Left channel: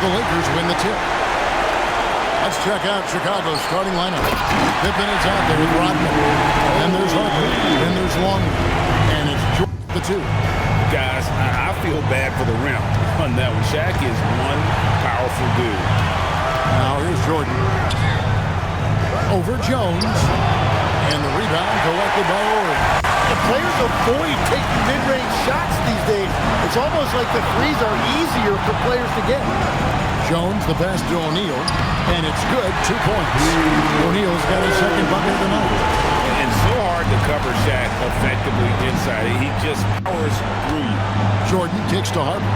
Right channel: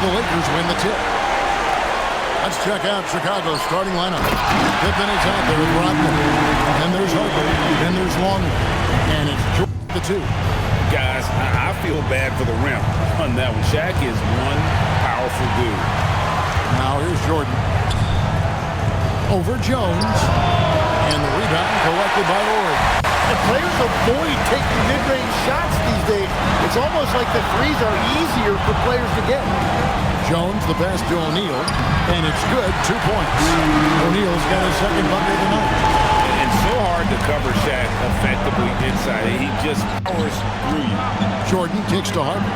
the Lakers win the tip. Let's check out Chicago's starting lineup. Pippen is out there with Rodman. Then there's Harper. Then there's Longley. And it's Jordan, the two. Guys, I feel bad for the rim on that one. Shaq is one powerful dude. Now here's Jordan. Over Jones. And the rebound collected by Ori. And players avoid taking mid-range shots these days. It's almost like the threes are easier for players to get. Jones, the pass to O'Neal, and it's good, 2 points. O'Neal's got his second bucket of the night. And so hard to cover Shaq effectively inside. He just powers through you. Jordan kicks to Harper.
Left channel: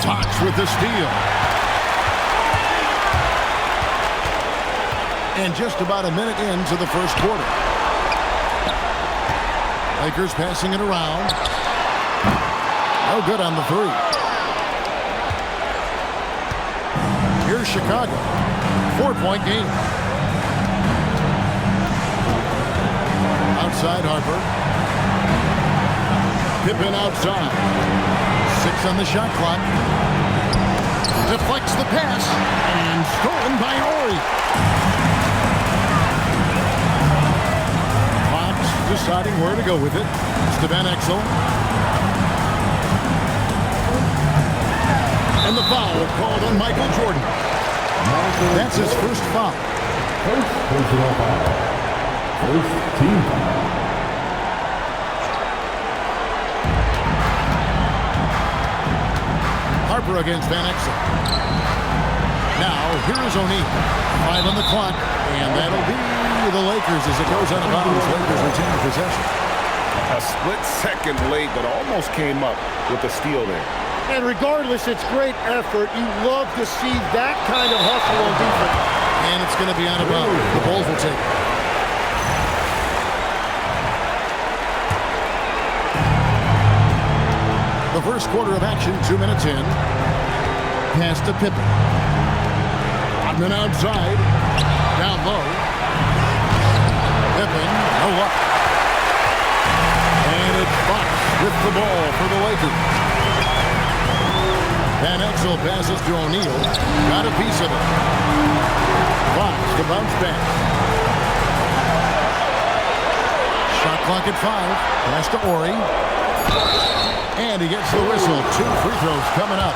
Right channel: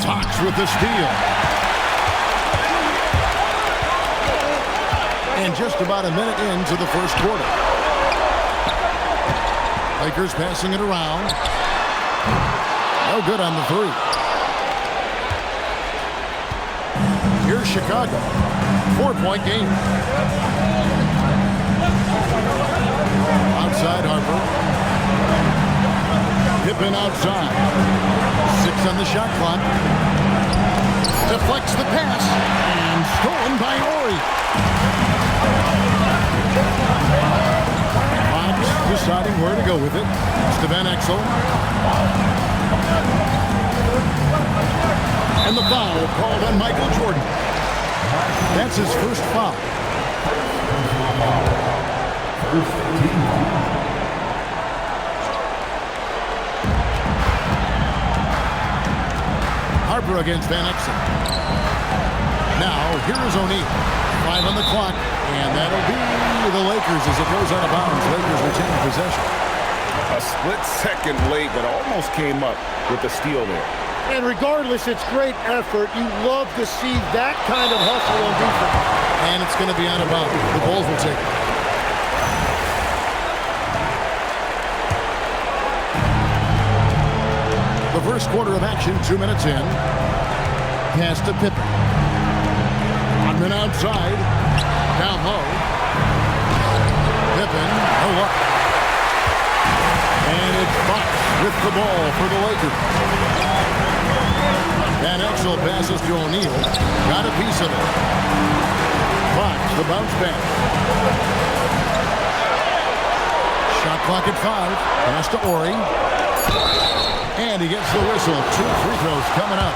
Fox with the steal. And just about a minute into the first quarter. Lakers passing it around. No good on the three. Here's Chicago. 4-point game. Outside Harper. Pippen outside. 6 on the shot clock. Deflects the pass. And stolen by Ori. Fox deciding where to go with it. It's to Van Exel. And the foul called on Michael Jordan. That's his first foul. First personal foul. First team foul. Harper against Van Exel. Now, here is O'Neal. 5 on the clock, and that'll be the Lakers as it goes out of bounds. Lakers retain possession. A split second late, but almost came up with the steal there. And regardless, it's great effort. You love to see that kind of hustle on defense. And it's going to be out of bounds. The Bulls will take it. The first quarter of action, 2 minutes in. Pass to Pippen. Rodman outside. Down low. Pippen, no luck. And it's Fox with the ball for the Lakers. Van Exel passes to O'Neal. Got a piece of it. Fox, the bounce pass. Shot clock at 5. Pass to Ori. And he gets the whistle. 2 free throws coming up.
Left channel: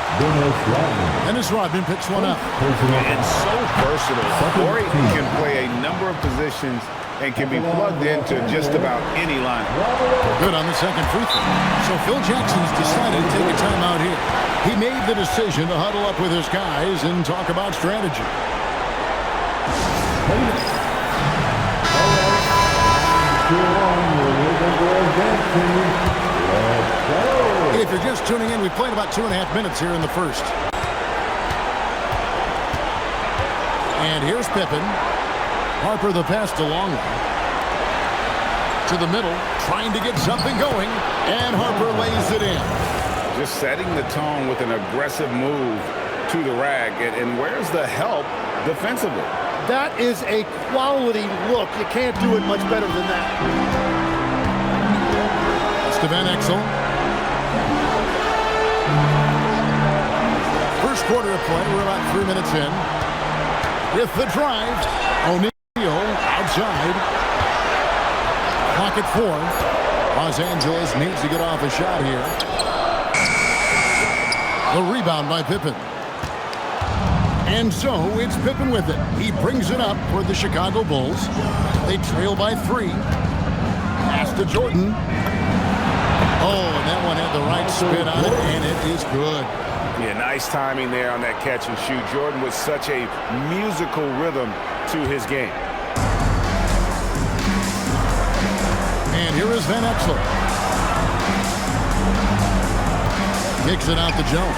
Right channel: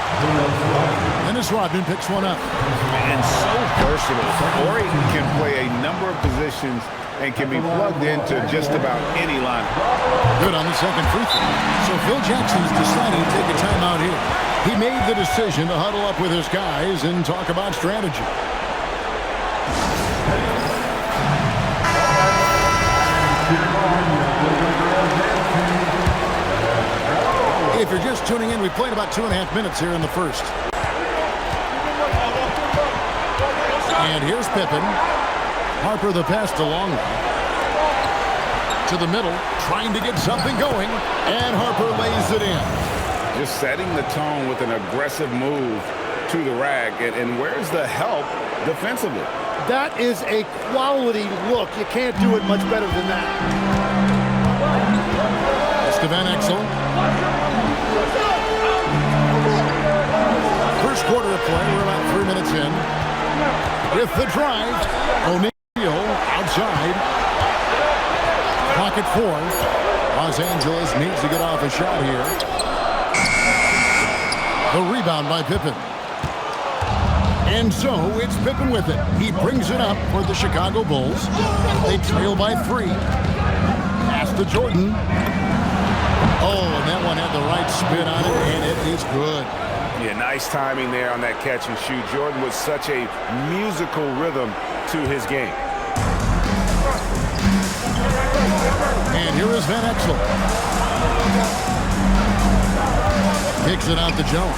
Dennis Rodman picks one up. And so versatile. Ori can play a number of positions and can be plugged into just about any lineup. Good on the second free throw. So Phil Jackson's decided to take a timeout here. He made the decision to huddle up with his guys and talk about strategy. If you're just tuning in, we played about 2.5 minutes here in the first. And here's Pippen. Harper the pass to Longley. To the middle, trying to get something going. And Harper lays it in. Just setting the tone with an aggressive move to the rack. And where's the help defensively? That is a quality look. You can't do it much better than that. It's to Van Exel. First quarter of play. We're about 3 minutes in. With the drive. O'Neal outside. Clock at 4. Los Angeles needs to get off a shot here. The rebound by Pippen. And so it's Pippen with it. He brings it up for the Chicago Bulls. They trail by 3. Pass to Jordan. Oh, and that one had the right spin on it, and it is good. Yeah, nice timing there on that catch and shoot. Jordan with such a musical rhythm to his game. And here is Van Exel. Kicks it out to Jones.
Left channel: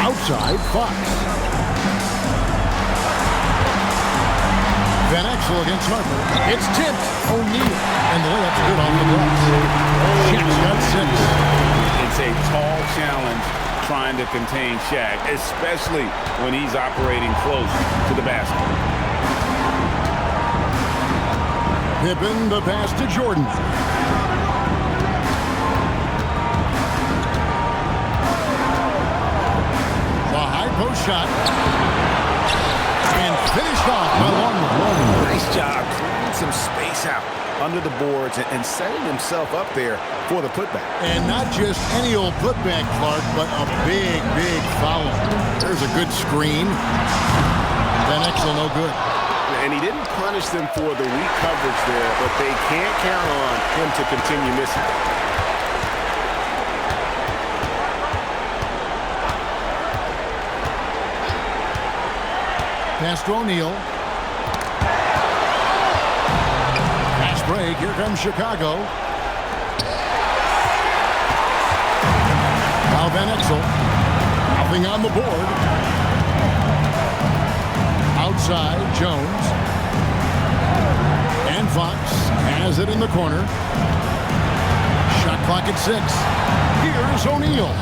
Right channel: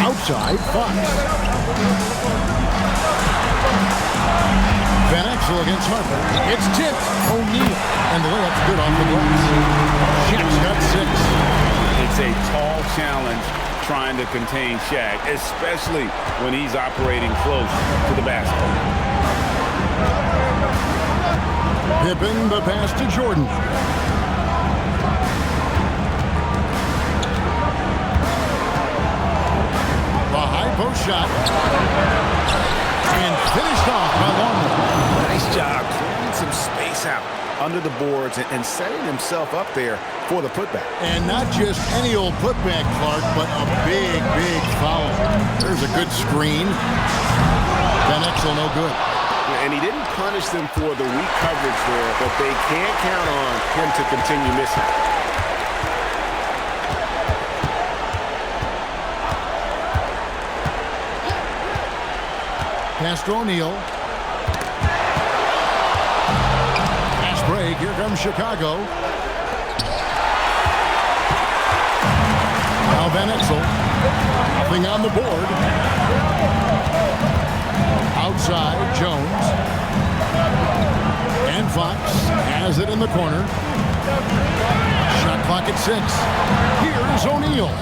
Outside, Fox. Van Exel against Harper. It's tipped. O'Neal. And the layup's good off the glass. Shaq's got 6. It's a tall challenge trying to contain Shaq, especially when he's operating close to the basket. Pippen, the pass to Jordan. The high post shot. And finished off by Longley. Nice job clearing some space out under the boards and setting himself up there for the putback. And not just any old putback, Clark, but a big, big foul. There's a good screen. Van Exel no good. And he didn't punish them for the weak coverage there, but they can't count on him to continue missing. Pass to O'Neal. Pass break. Here comes Chicago. Now Van Exel. Nothing on the board. Outside, Jones. And Fox has it in the corner. Shot clock at 6. Here's O'Neal.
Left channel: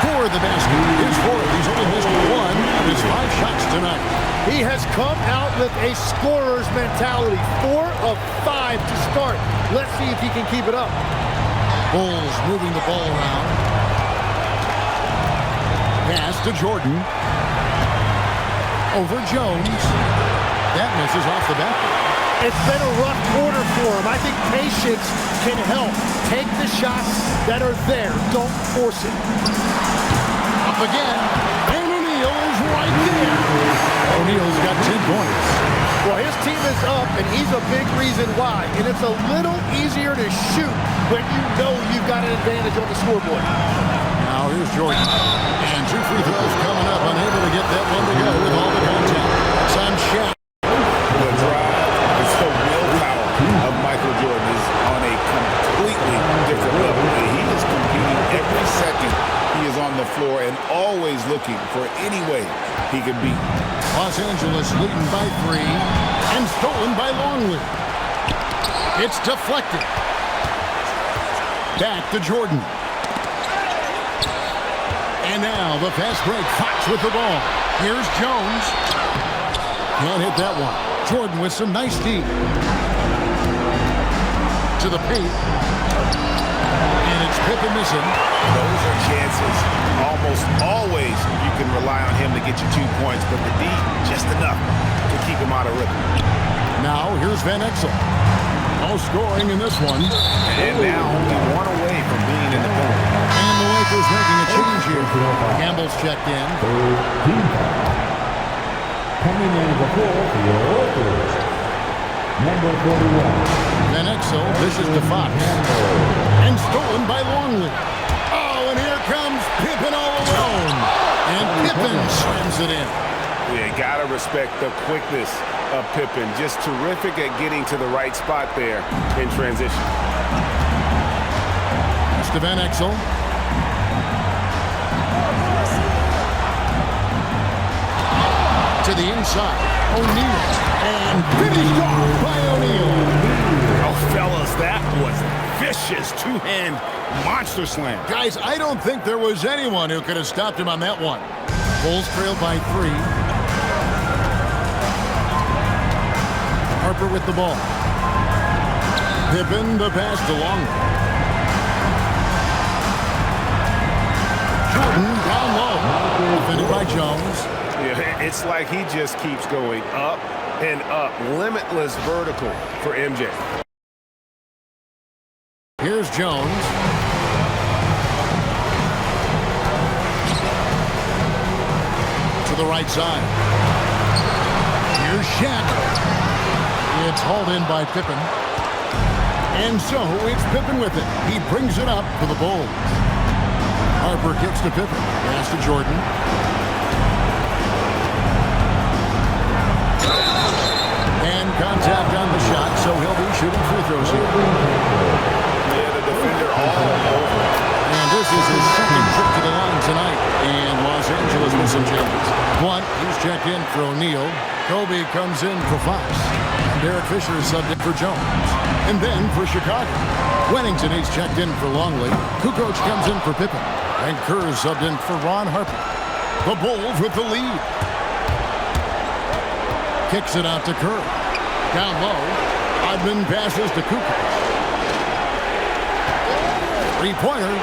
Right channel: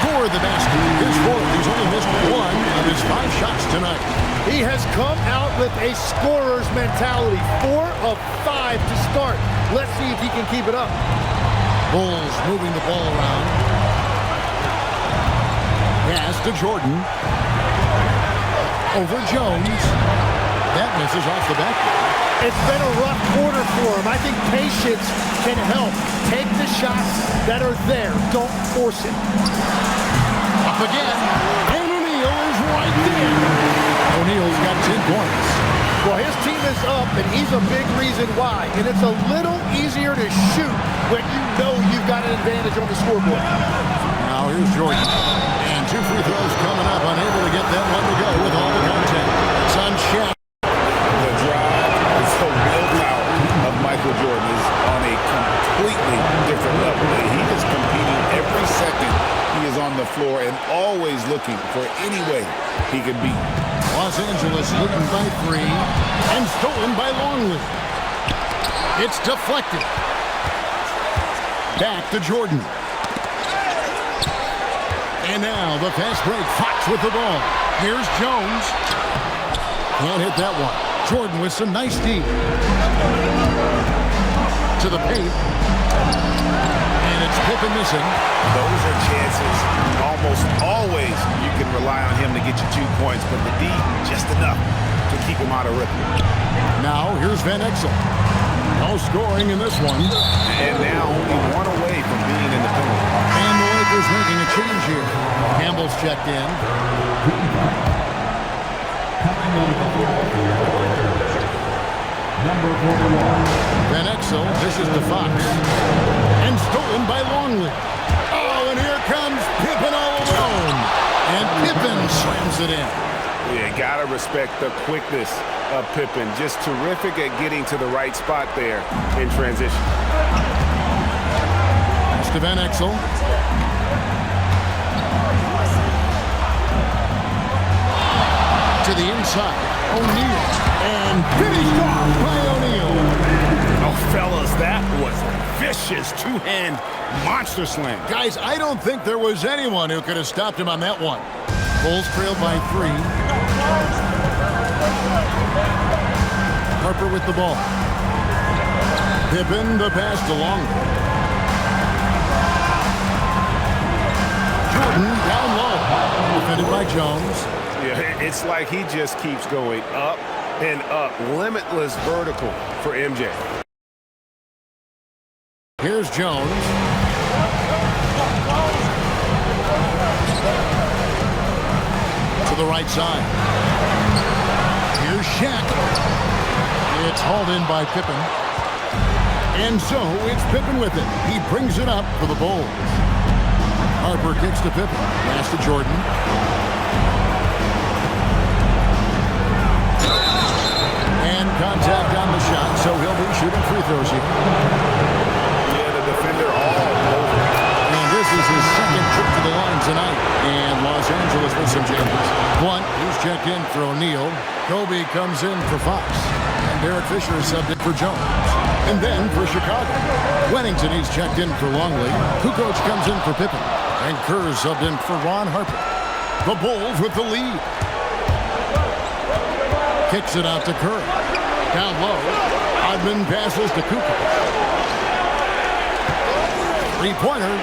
Score the basket. His fourth. He's only missed 1 of his 5 shots tonight. He has come out with a scorer's mentality. 4 of 5 to start. Let's see if he can keep it up. Bulls moving the ball around. Pass to Jordan. Over Jones. That misses off the backboard. It's been a rough quarter for him. I think patience can help. Take the shots that are there. Don't force it. Up again. And O'Neal is right there. O'Neal's got 10 points. Well, his team is up, and he's a big reason why. And it's a little easier to shoot when you know you've got an advantage on the scoreboard. Now here's Jordan. And 2 free throws coming up. Unable to get that one to go with all the contact. It's on Shaq. The drive, the willpower of Michael Jordan is on a completely different level. He is competing every second he is on the floor and always looking for any way he can beat. Los Angeles leading by 3 and stolen by Longley. It's deflected. Back to Jordan. And now the fast break. Fox with the ball. Here's Jones. Can't hit that one. Jordan with some nice D. To the paint. And it's Pippen missing. Those are chances. Almost always you can rely on him to get you 2 points, but the D just enough to keep him out of rhythm. Now here's Van Exel. No scoring in this one. And now only 1 away from being in the penalty. And the Lakers making a change here. Campbell's checked in. Coming into the ball for your Lakers, number 41. Van Exel dishes to Fox. And stolen by Longley. Oh, and here comes Pippen all alone. And Pippen slams it in. Yeah, gotta respect the quickness of Pippen. Just terrific at getting to the right spot there in transition. Pass to Van Exel. To the inside, O'Neal. And finished off by O'Neal. Oh, fellas, that was a vicious 2-hand monster slam. Guys, I don't think there was anyone who could have stopped him on that one. Bulls trailed by 3. Harper with the ball. Pippen the pass to Longley. Jordan down low. Defended by Jones. Yeah, it's like he just keeps going up and up. Limitless vertical for MJ. Here's Jones. To the right side. Here's Shaq. It's hauled in by Pippen. And so it's Pippen with it. He brings it up for the Bulls. Harper kicks to Pippen. Pass to Jordan. And contact on the shot, so he'll be shooting free throws here. Yeah, the defender all over. And this is his second trip to the line tonight. And Los Angeles with some changes. Blunt, he's checked in for O'Neal. Kobe comes in for Fox. And Derek Fisher is subbed in for Jones. And then for Chicago, Wennington, he's checked in for Longley. Kukoc comes in for Pippen. And Kerr is subbed in for Ron Harper. The Bulls with the lead. Kicks it out to Kerr. Down low. Odman passes to Kukoc. Three-pointer.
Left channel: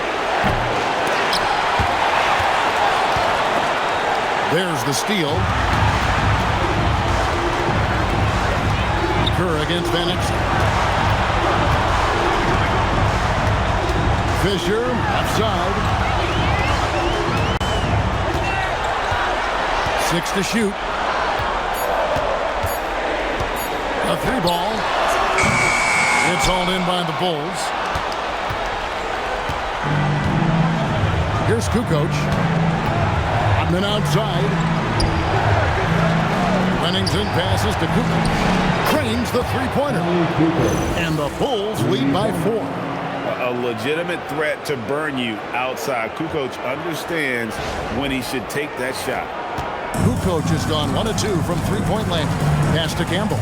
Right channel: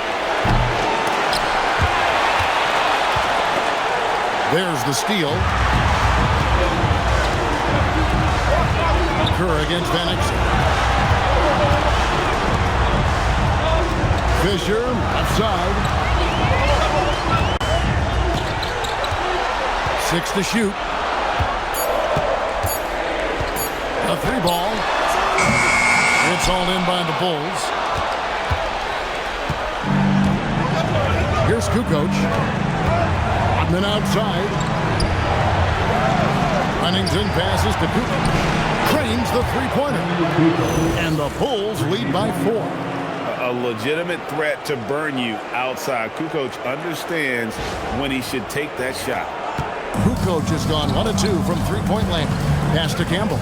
There's the steal. Kerr against Van Exel. Fisher, left side. 6 to shoot. A 3-ball. It's hauled in by the Bulls. Here's Kukoc. Rodman outside. Pennington passes to Kukoc. Cranes the three-pointer. And the Bulls lead by 4. A legitimate threat to burn you outside. Kukoc understands when he should take that shot. Kukoc has gone 1 of 2 from three-point land. Pass to Campbell.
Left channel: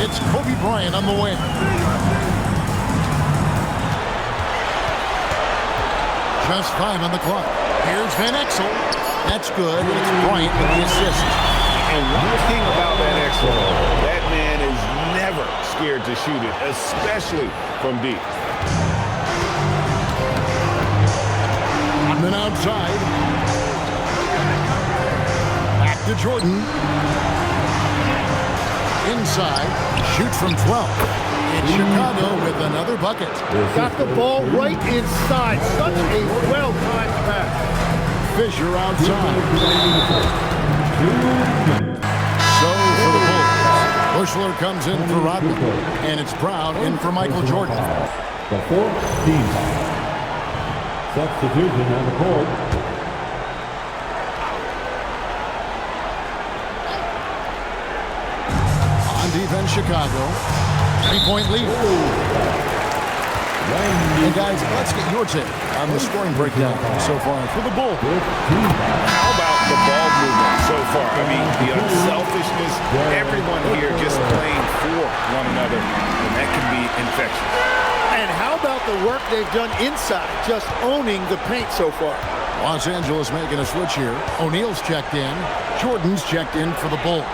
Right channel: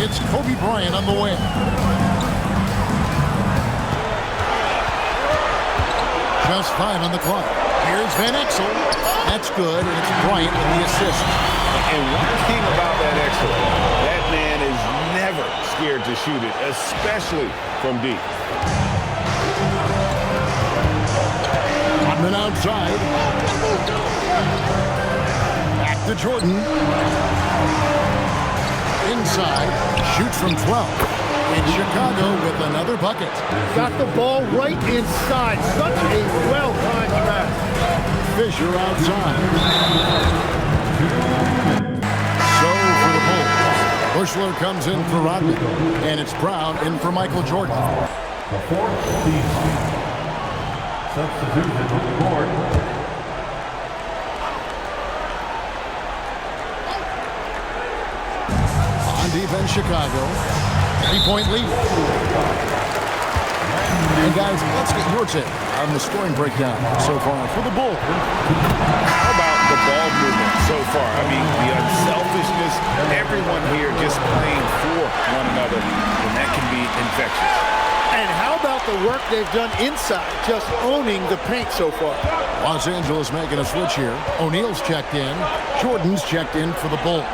It's Kobe Bryant on the wing. Just 5 on the clock. Here's Van Exel. That's good, and it's Bryant with the assist. And one thing about Van Exel, that man is never scared to shoot it, especially from deep. Rodman outside. Back to Jordan. Inside, shoots from 12. It's Chicago with another bucket. Got the ball right inside. Such a well-timed pass. Fisher outside. So for the Bulls, Bushler comes in for Rodman, and it's Brown in for Michael Jordan. The fourth team foul. Substitution on the court. On defense, Chicago. 3-point lead. And guys, let's get your take on the scoring breakdown so far for the Bulls. How about the ball movement so far? I mean, the unselfishness, everyone here just playing for one another, and that can be infectious. And how about the work they've done inside, just owning the paint so far? Los Angeles making a switch here. O'Neal's checked in. Jordan's checked in for the Bulls.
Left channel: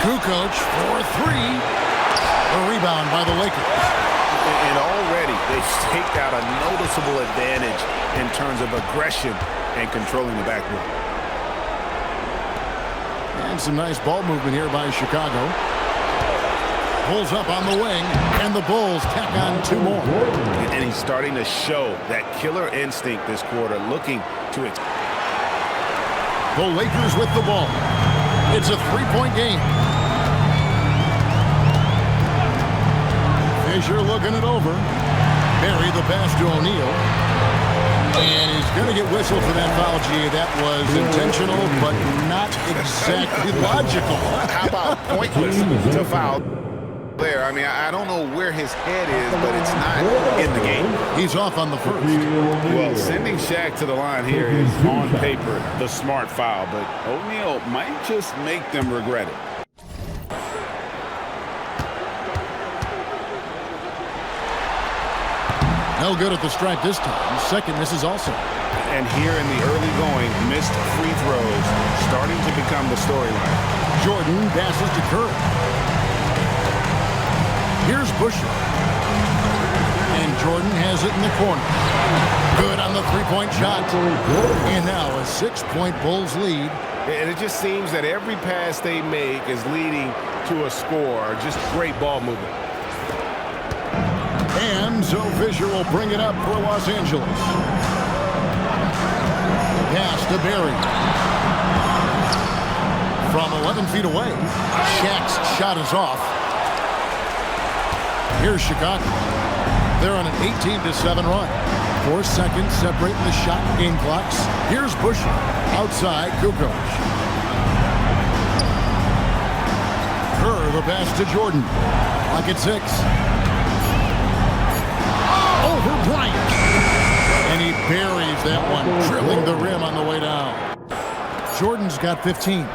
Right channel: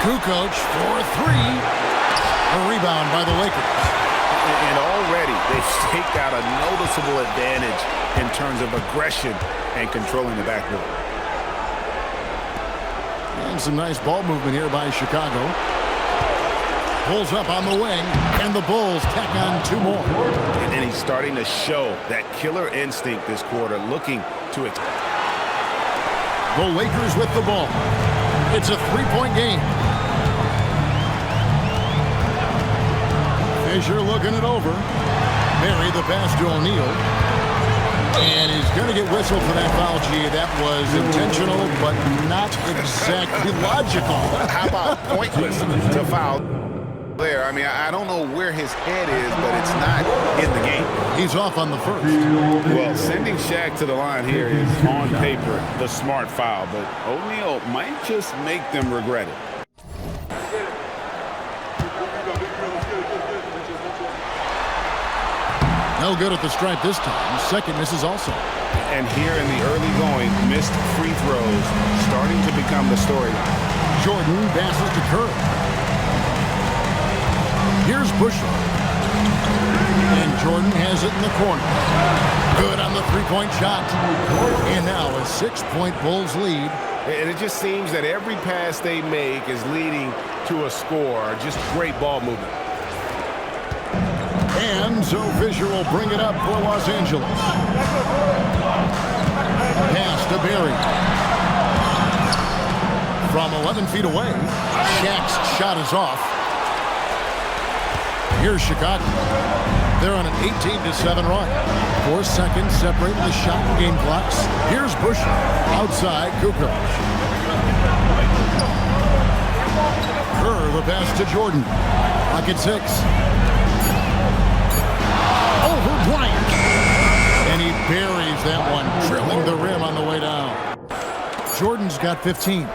Kukoc for 3. A rebound by the Lakers. And already they've staked out a noticeable advantage in terms of aggression and controlling the backboard. And some nice ball movement here by Chicago. Pulls up on the wing, and the Bulls tack on 2 more. And he's starting to show that killer instinct this quarter, looking to it. The Lakers with the ball. It's a 3-point game. Fisher looking it over. Barry the pass to O'Neal. And he's going to get whistled for that foul, G. That was intentional, but not exactly logical. How about pointless to foul there? I mean, I don't know where his head is, but it's not in the game. He's off on the first. Well, sending Shaq to the line here is on paper the smart foul, but O'Neal might just make them regret it. No good at the stripe this time. Second misses also. And here in the early going, missed free throws starting to become the storyline. Jordan passes to Kerr. Here's Bushler. And Jordan has it in the corner. Good on the 3-point shot. And now a 6-point Bulls lead. And it just seems that every pass they make is leading to a score. Just great ball movement. And so Fisher will bring it up for Los Angeles. Pass to Barry. From 11 feet away, Shaq's shot is off. Here's Chicago. They're on an 18-7 run. 4 seconds separating the shot and game clocks. Here's Bushler. Outside, Kukoc. Kerr, the pass to Jordan. Clock at 6. Over Bryant. And he buries that one, drilling the rim on the way down. Jordan's got 15.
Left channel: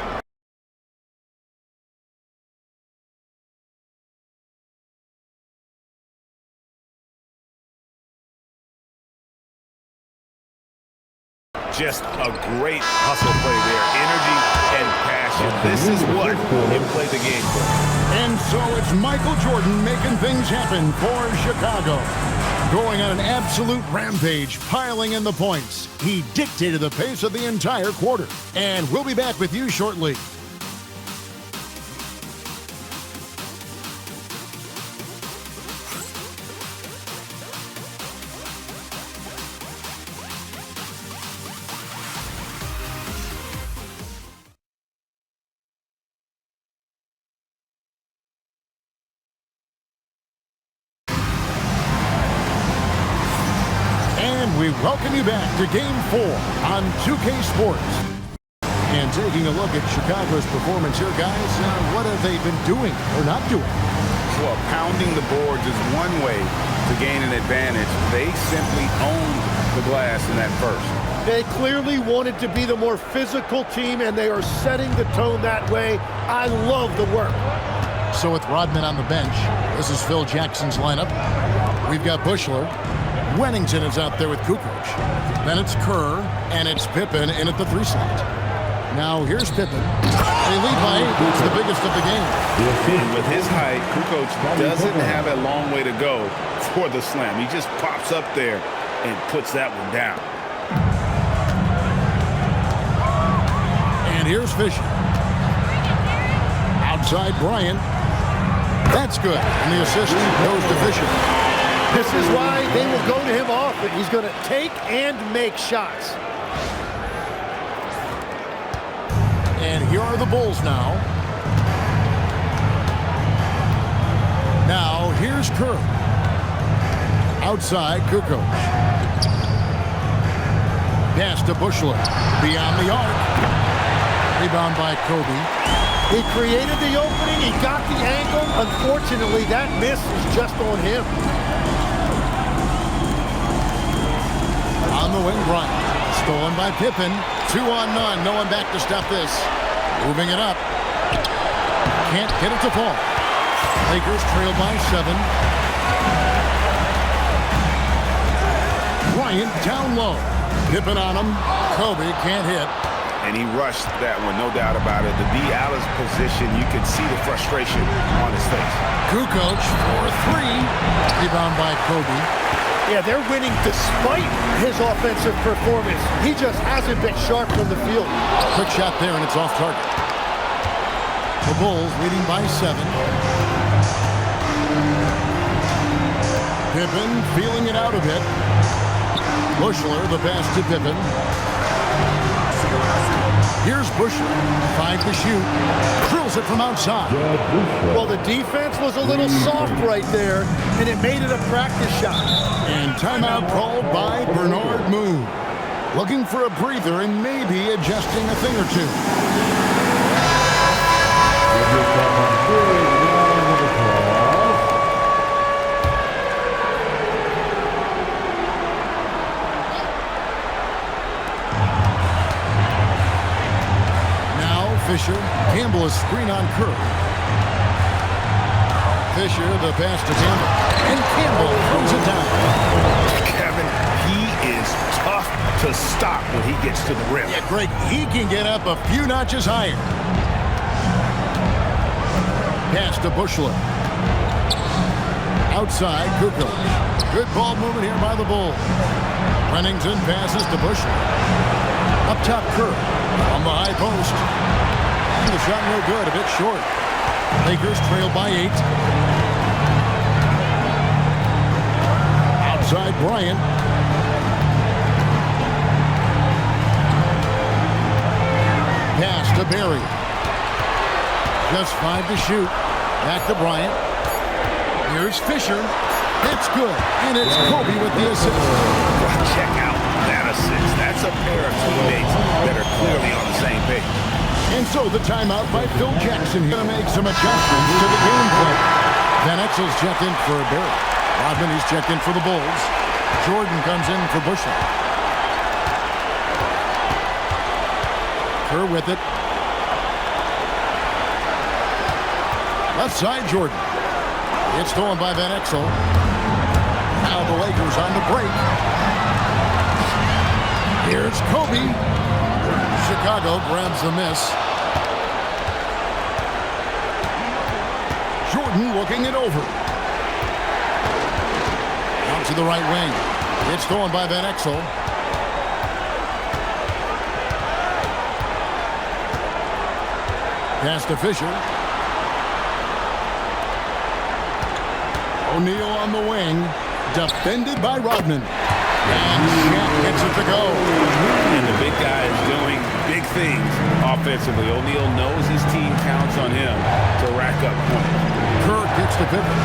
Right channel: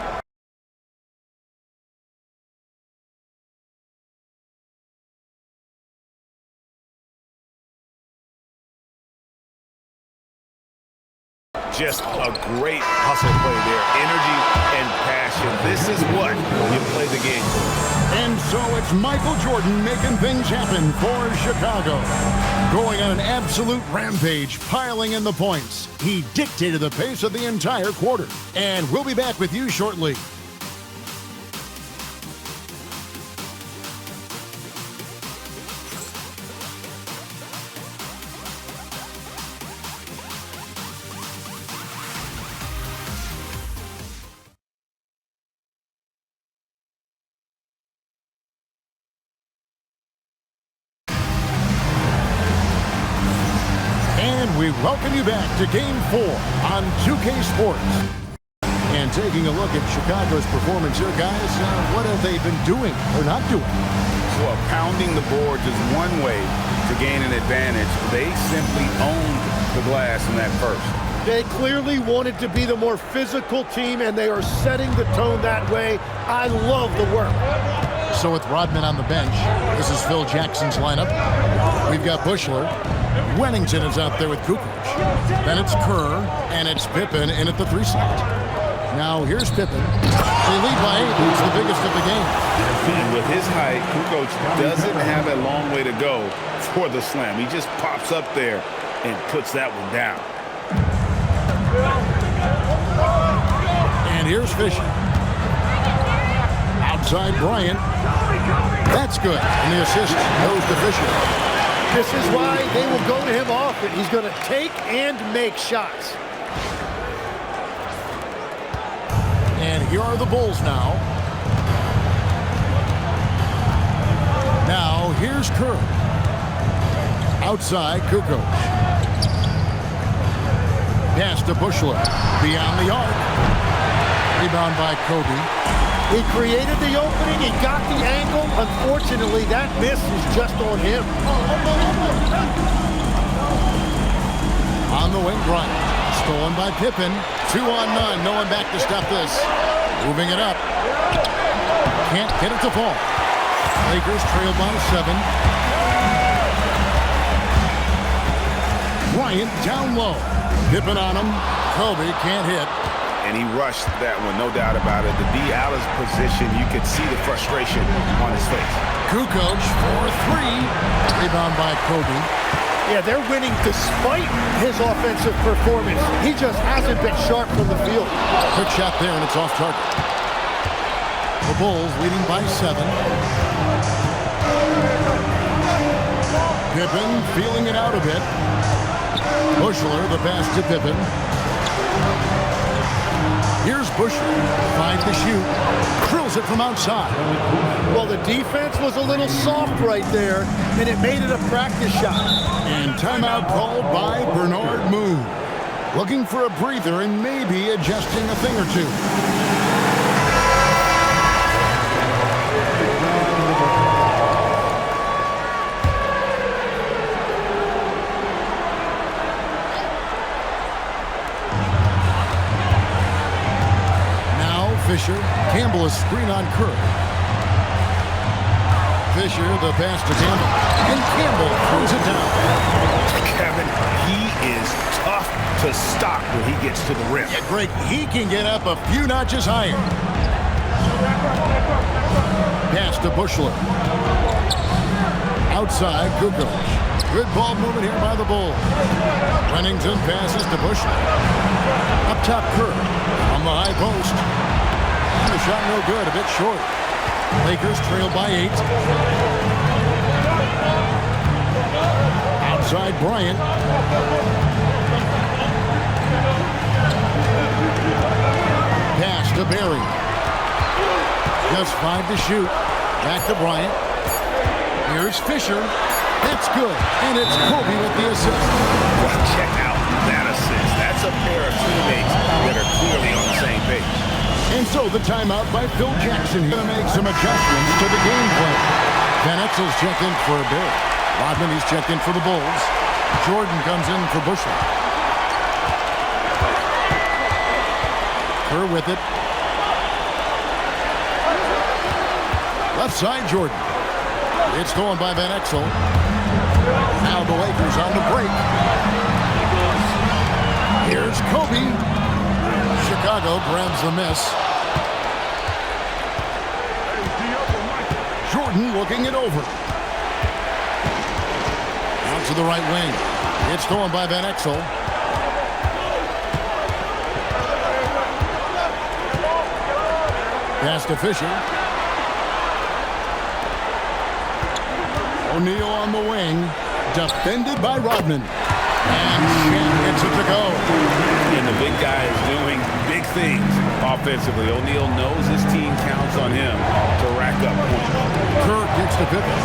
Just a great hustle play there. Energy and passion. possession. This is what you play the game for. And so it's Michael Jordan making things happen for Chicago. Going on an absolute rampage, piling in the points. He dictated the pace of the entire quarter. And we'll be back with you shortly. And we welcome you back to Game 4 on 2K Sports. And taking a look at Chicago's performance here, guys, what have they been doing or not doing? Well, pounding the boards is one way to gain an advantage. They simply owned the glass in that first. They clearly wanted to be the more physical team, and they are setting the tone that way. I love the work. So with Rodman on the bench, this is Phil Jackson's lineup. We've got Bushler. Wennington is out there with Kukoc. Then it's Kerr, and it's Pippen in at the 3 slot. Now here's Pippen. They lead by 8. It's the biggest of the game. And with his height, Kukoc doesn't have a long way to go for the slam. He just pops up there and puts that one down. And here's Fisher. Outside Bryant. That's good. And the assist goes to Fisher. This is why they will go to him often. He's going to take and make shots. And here are the Bulls now. Now here's Kerr. Outside Kukoc. Pass to Bushler. Beyond the arc. Rebound by Kobe. He created the opening. He got the angle. Unfortunately, that miss is just on him. On the wing, Bryant. Stolen by Pippen. 2 on none. No one back to stop this. Moving it up. Can't get it to fall. Lakers trail by 7. Bryant down low. Pippen on him. Kobe can't hit. And he rushed that one, no doubt about it. The D. Alice position, you could see the frustration on his face. Kukoc for 3. Rebound by Kobe. Yeah, they're winning despite his offensive performance. He just hasn't been sharp from the field. Quick shot there, and it's off target. The Bulls leading by 7. Pippen feeling it out a bit. Bushler, the pass to Pippen. Here's Bushler. 5 to shoot. Drills it from outside. Well, the defense was a little soft right there, and it made it a practice shot. And timeout called by Bernard Moon. Looking for a breather and maybe adjusting a thing or two. Fisher. Campbell is screen on Kerr. Fisher, the pass to Campbell. And Campbell throws it down. Kevin, he is tough to stop when he gets to the rim. Yeah, Greg, he can get up a few notches higher. Pass to Bushler. Outside, Kukoc. Good ball movement here by the Bulls. Wennington passes to Bushler. Up top, Kerr. On the high post. The shot no good, a bit short. Lakers trail by 8. Outside Bryant. Pass to Barry. Just 5 to shoot. Back to Bryant. Here's Fisher. That's good. And it's Kobe with the assist. Well, check out that assist. That's a pair of teammates that are clearly on the same page. And so the timeout by Phil Jackson. He's going to make some adjustments to the game plan. Van Exel's checked in for Barry. Rodman, he's checked in for the Bulls. Jordan comes in for Bushler. Kerr with it. Left side, Jordan. It's stolen by Van Exel. Now the Lakers on the break. Here's Kobe. Chicago grabs the miss. Jordan looking it over. Out to the right wing. It's stolen by Van Exel. Pass to Fisher. O'Neal on the wing. Defended by Rodman. And Shaq gets it to go. And the big guy is doing big things offensively. O'Neal knows his team counts on him to rack up points. Kerr kicks to Pippen.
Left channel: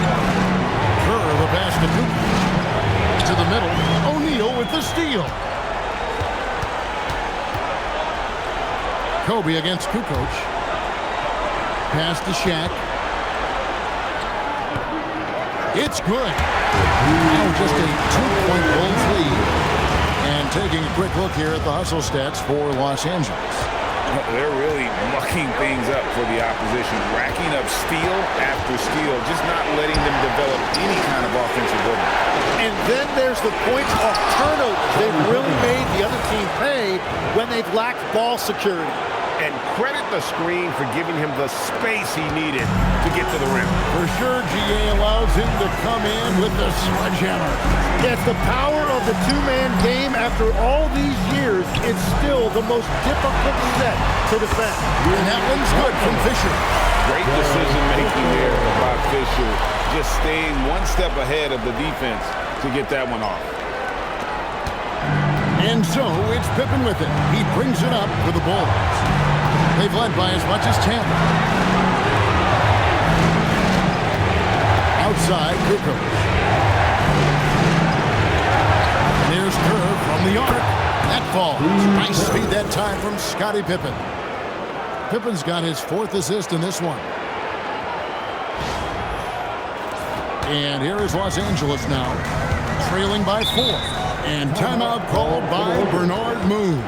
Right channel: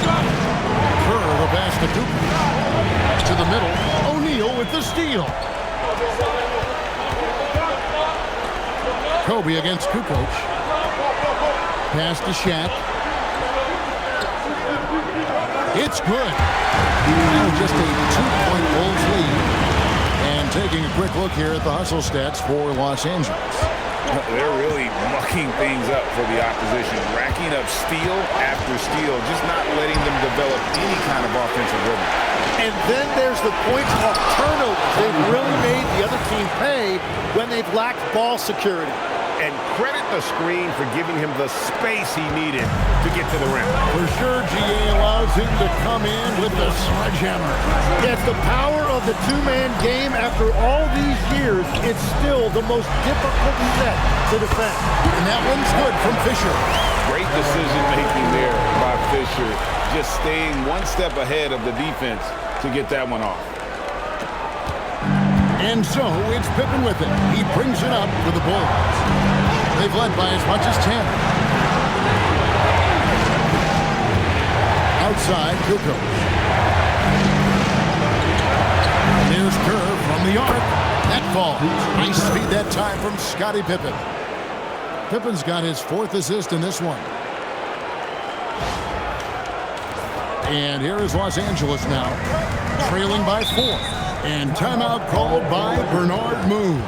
Kerr the pass to Kukoc. To the middle. O'Neal with the steal. Kobe against Kukoc. Pass to Shaq. It's good. Now just a 2-point Bulls lead. And taking a quick look here at the hustle stats for Los Angeles. They're really mucking things up for the opposition, racking up steal after steal, just not letting them develop any kind of offensive rhythm. And then there's the points off turnovers. They've really made the other team pay when they've lacked ball security. And credit the screen for giving him the space he needed to get to the rim. For sure, GA allows him to come in with the sledgehammer. It's the power of the two-man game. After all these years, it's still the most difficult set to defend. And that one's good from Fisher. Great decision-making there by Fisher. Just staying one step ahead of the defense to get that one off. And so it's Pippen with it. He brings it up for the Bulls. They've led by as much as 10. Outside, Kukoc. And there's Kerr from the arc. That falls. Nice speed that time from Scottie Pippen. Pippen's got his 4th assist in this one. And here is Los Angeles now, trailing by 4. And timeout called by Bernard Moon.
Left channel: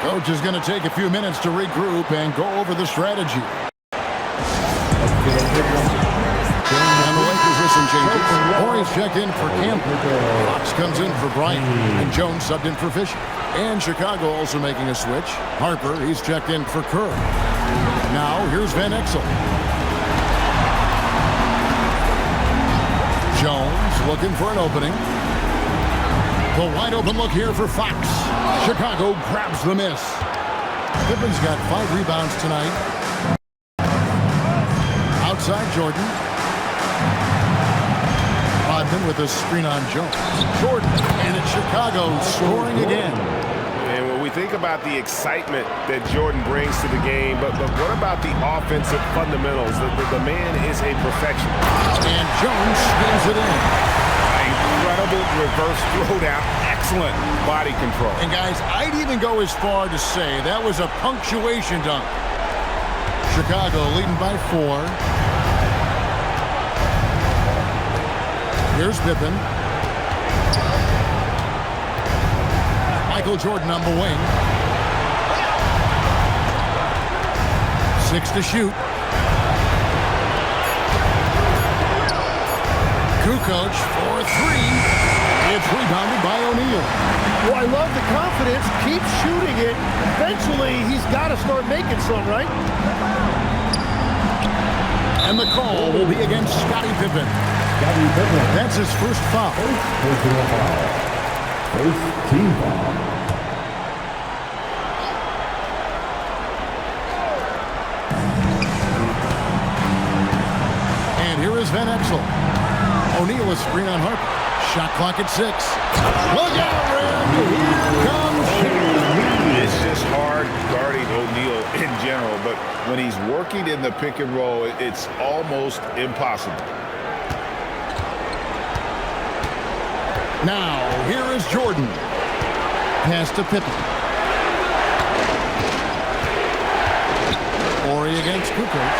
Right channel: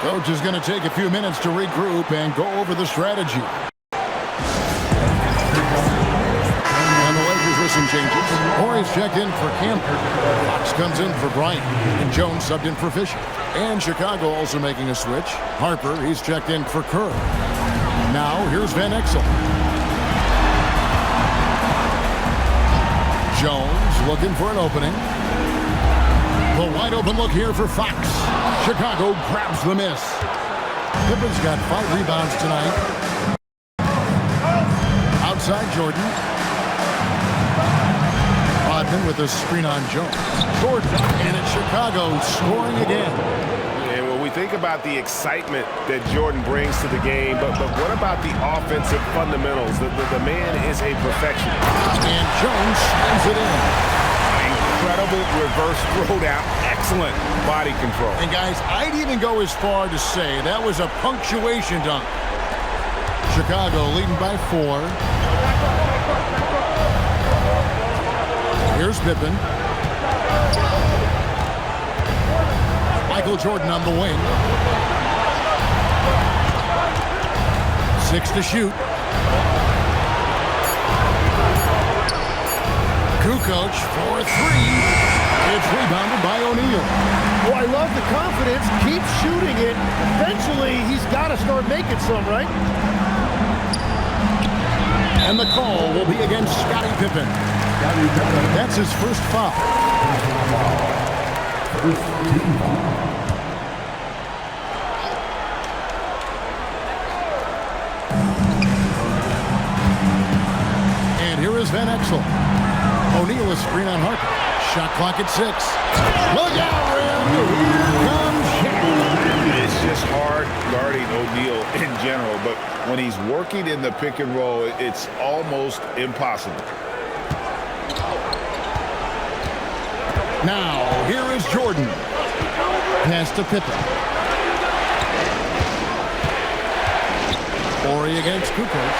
Coach is going to take a few minutes to regroup and go over the strategy. And the Lakers with some changes. Horry's checked in for Campbell. Fox comes in for Bryant. And Jones subbed in for Fisher. And Chicago also making a switch. Harper, he's checked in for Kerr. Now here's Van Exel. Jones looking for an opening. The wide open look here for Fox. Chicago grabs the miss. Pippen's got 5 rebounds tonight. Outside Jordan. Rodman with a screen on Jones. Jordan, and it's Chicago scoring again. And when we think about the excitement that Jordan brings to the game, but what about the offensive fundamentals? The man is a perfectionist. And Jones slams it in. Incredible reverse throwdown. Excellent body control. And guys, I'd even go as far to say that was a punctuation dunk. Chicago leading by 4. Here's Pippen. Michael Jordan on the wing. 6 to shoot. Kukoc for 3. It's rebounded by O'Neal. Well, I love the confidence. Keep shooting it. Eventually, he's got to start making some, right? And the call will be against Scottie Pippen. That's his first foul. First team foul. And here is Van Exel. O'Neal is screen on Harper. Shot clock at 6. Look out, Rim. Here comes Shaq. It's just hard guarding O'Neal in general, but when he's working in the pick and roll, it's almost impossible. Now, here is Jordan. Pass to Pippen. Horry against Kukoc.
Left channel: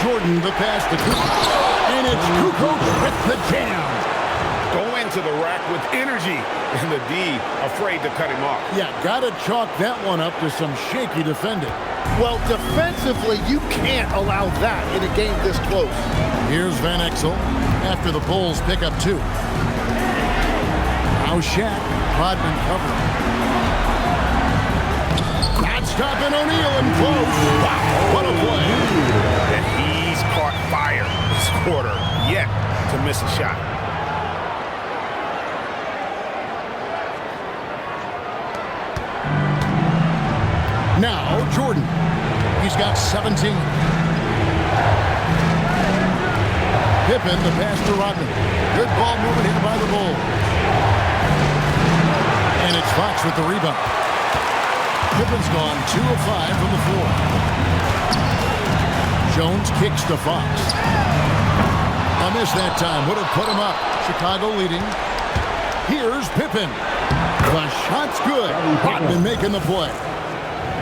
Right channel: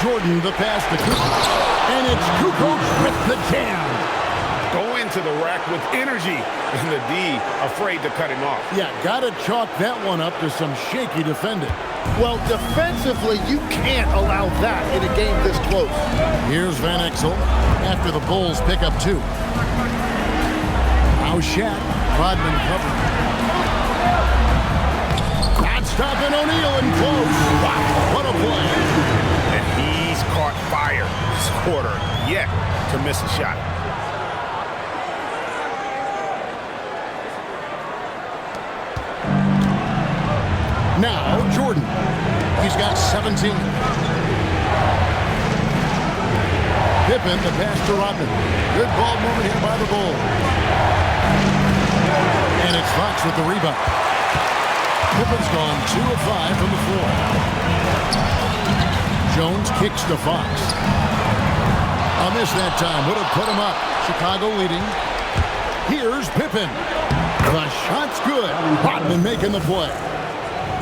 Jordan the pass to Kukoc. And it's Kukoc with the jam. Going to the rack with energy, and the D afraid to cut him off. Yeah, gotta chalk that one up to some shaky defending. Well, defensively, you can't allow that in a game this close. Here's Van Exel after the Bulls pick up 2. Now Shaq, Rodman covering. Not stopping O'Neal in close. Wow, what a play. And he's caught fire this quarter, yet to miss a shot. Now Jordan. He's got 17. Pippen, the pass to Rodman. Good ball movement here by the Bulls. And it's Fox with the rebound. Pippen's gone 2 of 5 from the floor. Jones kicks to Fox. A miss that time would have put him up. Chicago leading. Here's Pippen. The shot's good. Rodman making the play.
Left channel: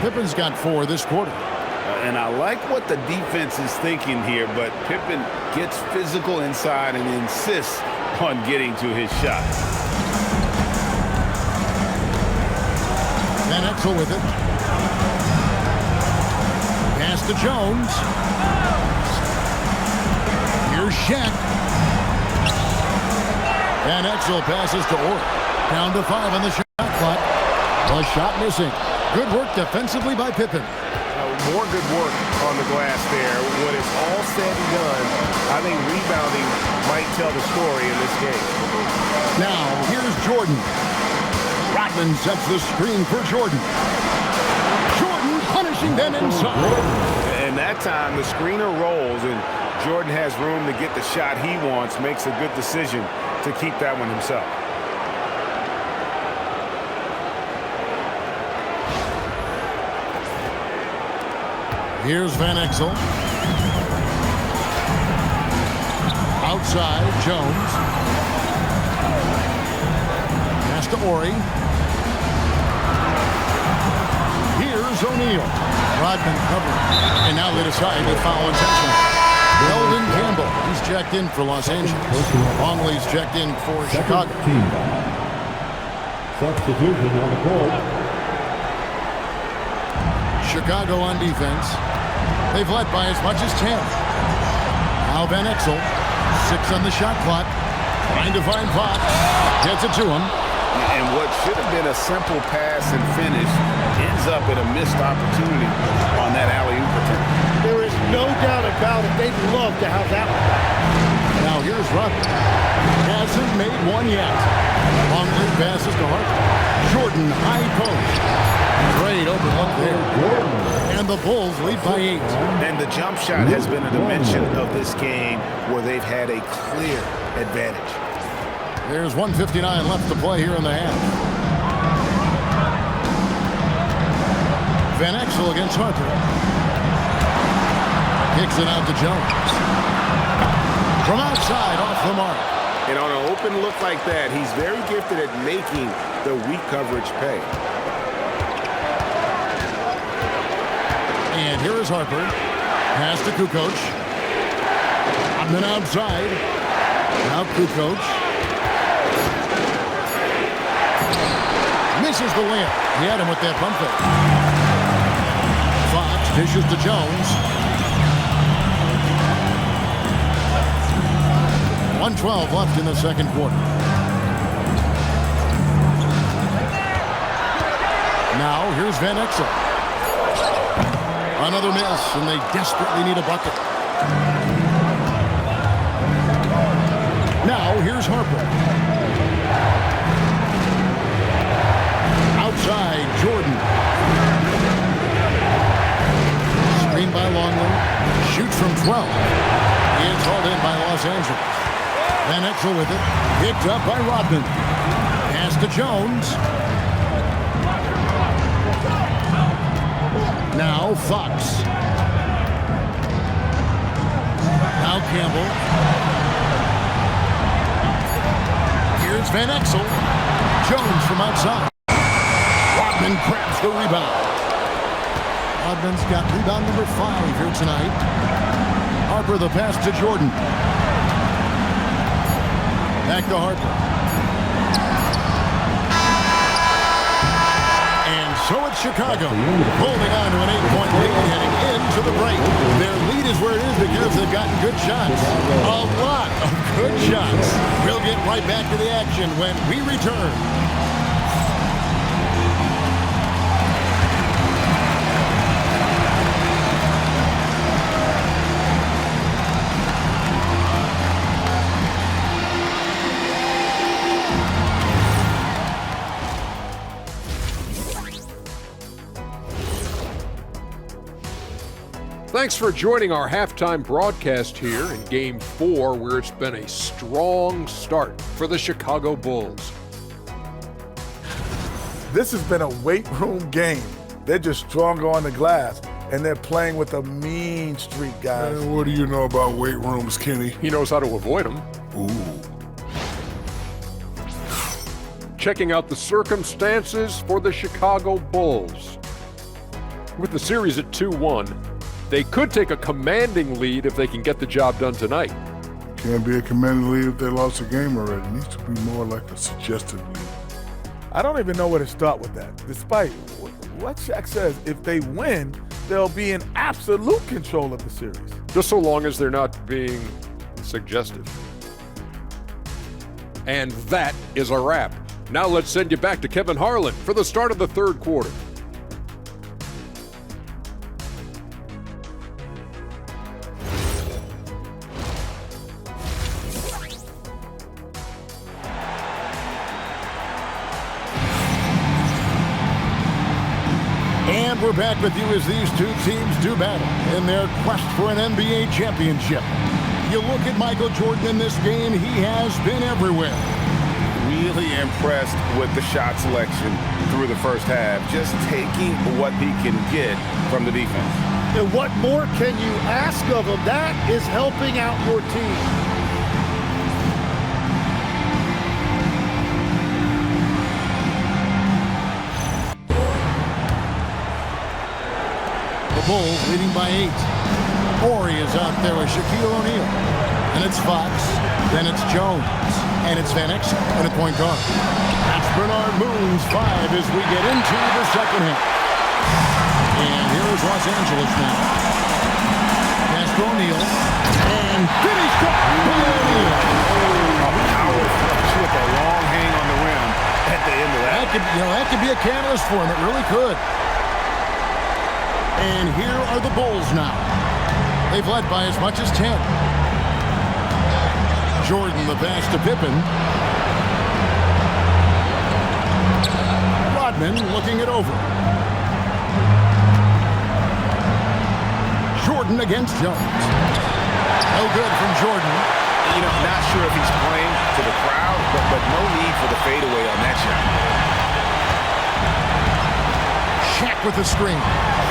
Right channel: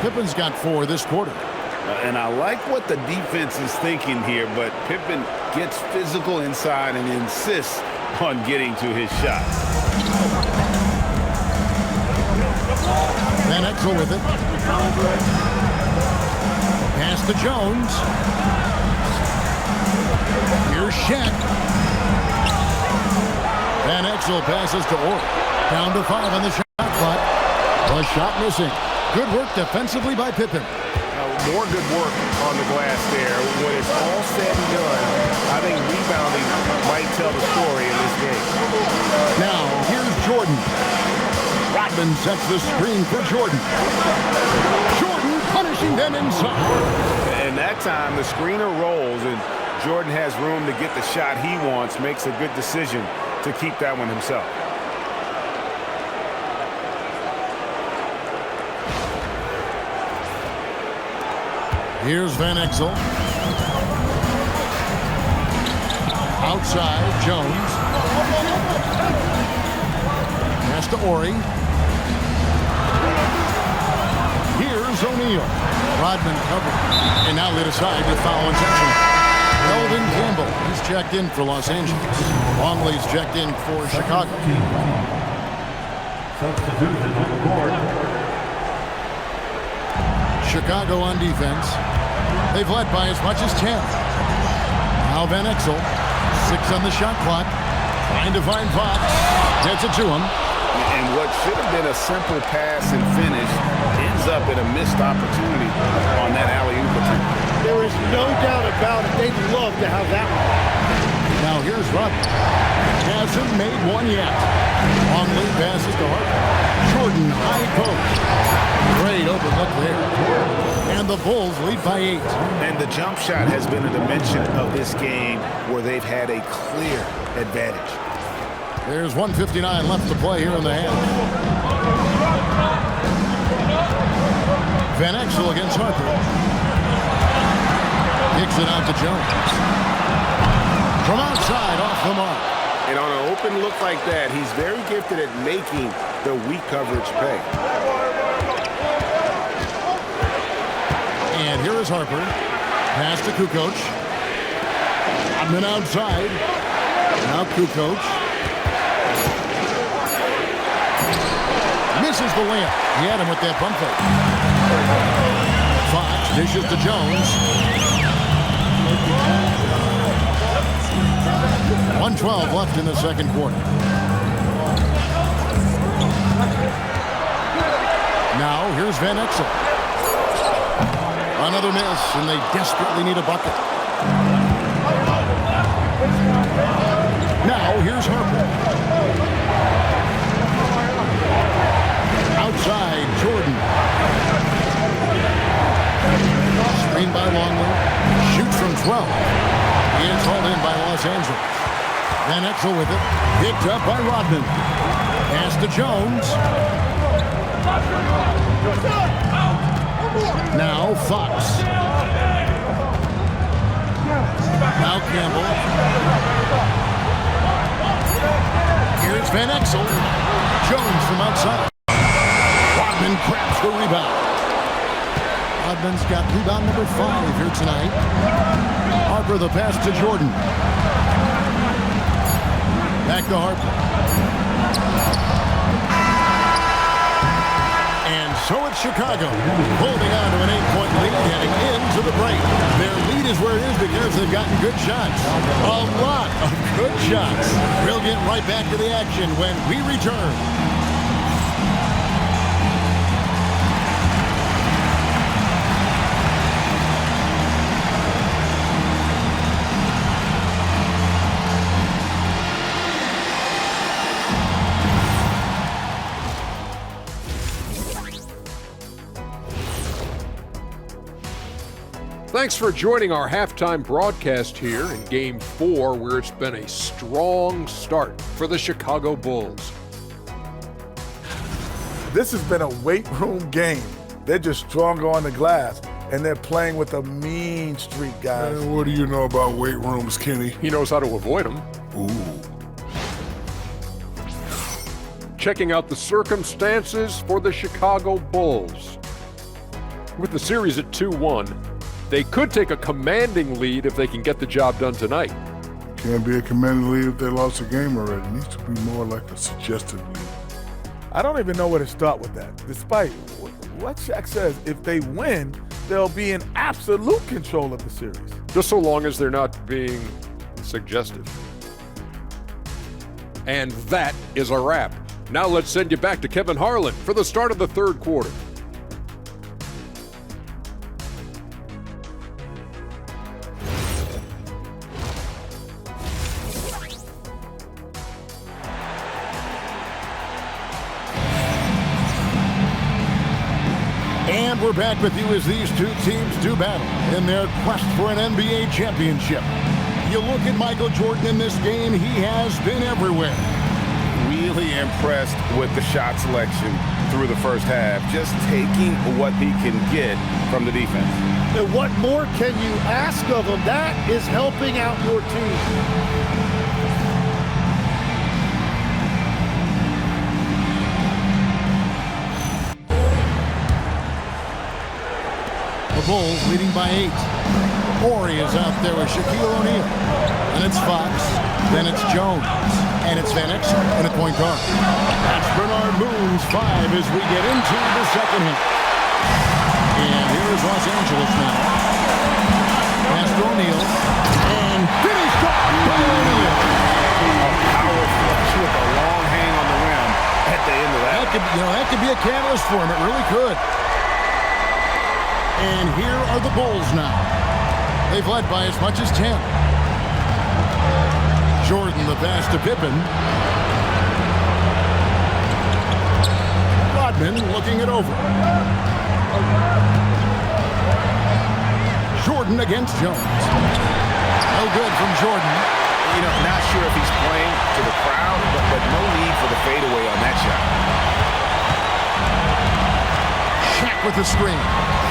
Pippen's got 4 this quarter. And I like what the defense is thinking here, but Pippen gets physical inside and insists on getting to his shot. Van Exel with it. Pass to Jones. Here's Shaq. Van Exel passes to Orr. Down to 5 on the shot clock. The shot missing. Good work defensively by Pippen. More good work on the glass there. When it's all said and done, I think rebounding might tell the story in this game. Now, here's Jordan. Rodman sets the screen for Jordan. Jordan punishing them inside. And that time, the screener rolls, and Jordan has room to get the shot he wants, makes a good decision to keep that one himself. Here's Van Exel. Outside, Jones. Pass to Ori. Here's O'Neal. Rodman covered. And now lit aside with foul intentional. Eldon Campbell. He's checked in for Los Angeles. Longley's checked in for Chicago. Substitution on the court. Chicago on defense. They've led by as much as 10. Now Van Exel. 6 on the shot clock. Trying to find Fox. Gets it to him. And what should have been a simple pass and finish ends up in a missed opportunity on that alley-oop attempt. There is no doubt about it. They'd love to have that one back. Now here's Rodman. Hasn't made one yet. Longley passes to Harper. Jordan high post. Great open look there. And the Bulls lead by 8. And the jump shot has been a dimension of this game where they've had a clear advantage. There's 1:59 left to play here in the half. Van Exel against Harper. Kicks it out to Jones. From outside, off the mark. And on an open look like that, he's very gifted at making the weak coverage pay. And here is Harper. Pass to Kukoc. Rodman outside. Now Kukoc. Misses the layup. He had him with that pump fake. Fox dishes to Jones. 1:12 left in the second quarter. Now here's Van Exel. Another miss, and they desperately need a bucket. Now here's Harper. Outside, Jordan. Screen by Longley. Shoots from 12. He is hauled in by Los Angeles. Van Exel with it. Picked up by Rodman. Pass to Jones. Now Fox. Now Campbell. Here's Van Exel. Jones from outside. Rodman grabs the rebound. Rodman's got rebound number 5 here tonight. Harper the pass to Jordan. Back to Harper. And so it's Chicago holding on to an 8-point lead heading into the break. Their lead is where it is because they've gotten good shots. A lot of good shots. We'll get right back to the action when we return. Thanks for joining our halftime broadcast here in Game 4, where it's been a strong start for the Chicago Bulls. This has been a weight room game. They're just stronger on the glass, and they're playing with a mean streak, guys. Man, what do you know about weight rooms, Kenny? He knows how to avoid them. Ooh. Checking out the circumstances for the Chicago Bulls. With the series at 2-1, they could take a commanding lead if they can get the job done tonight. Can't be a commanding lead if they lost a game already. It needs to be more like a suggested lead. I don't even know where to start with that. Despite what Shaq says, if they win, they'll be in absolute control of the series. Just so long as they're not being suggestive. And that is a wrap. Now let's send you back to Kevin Harlan for the start of the third quarter. And we're back with you as these two teams do battle in their quest for an NBA championship. You look at Michael Jordan in this game, he has been everywhere. Really impressed with the shot selection through the first half, just taking what he can get from the defense. And what more can you ask of him? That is helping out your team. The Bulls leading by 8. Horry is out there with Shaquille O'Neal. And it's Fox, then it's Jones, and it's Van Exel in at point guard. That's Bernard Moon's 5 as we get into the second half. And here is Los Angeles now. Pass to O'Neal, and finished off by O'Neal. A power flush with a long hang on the rim at the end of that. That could be a catalyst for him. It really could. And here are the Bulls now. They've led by as much as 10. Jordan, the pass to Pippen. Rodman looking it over. Jordan against Jones. No good from Jordan. You know, not sure if he's playing to the crowd, but no need for the fadeaway on that shot. Shaq with the screen.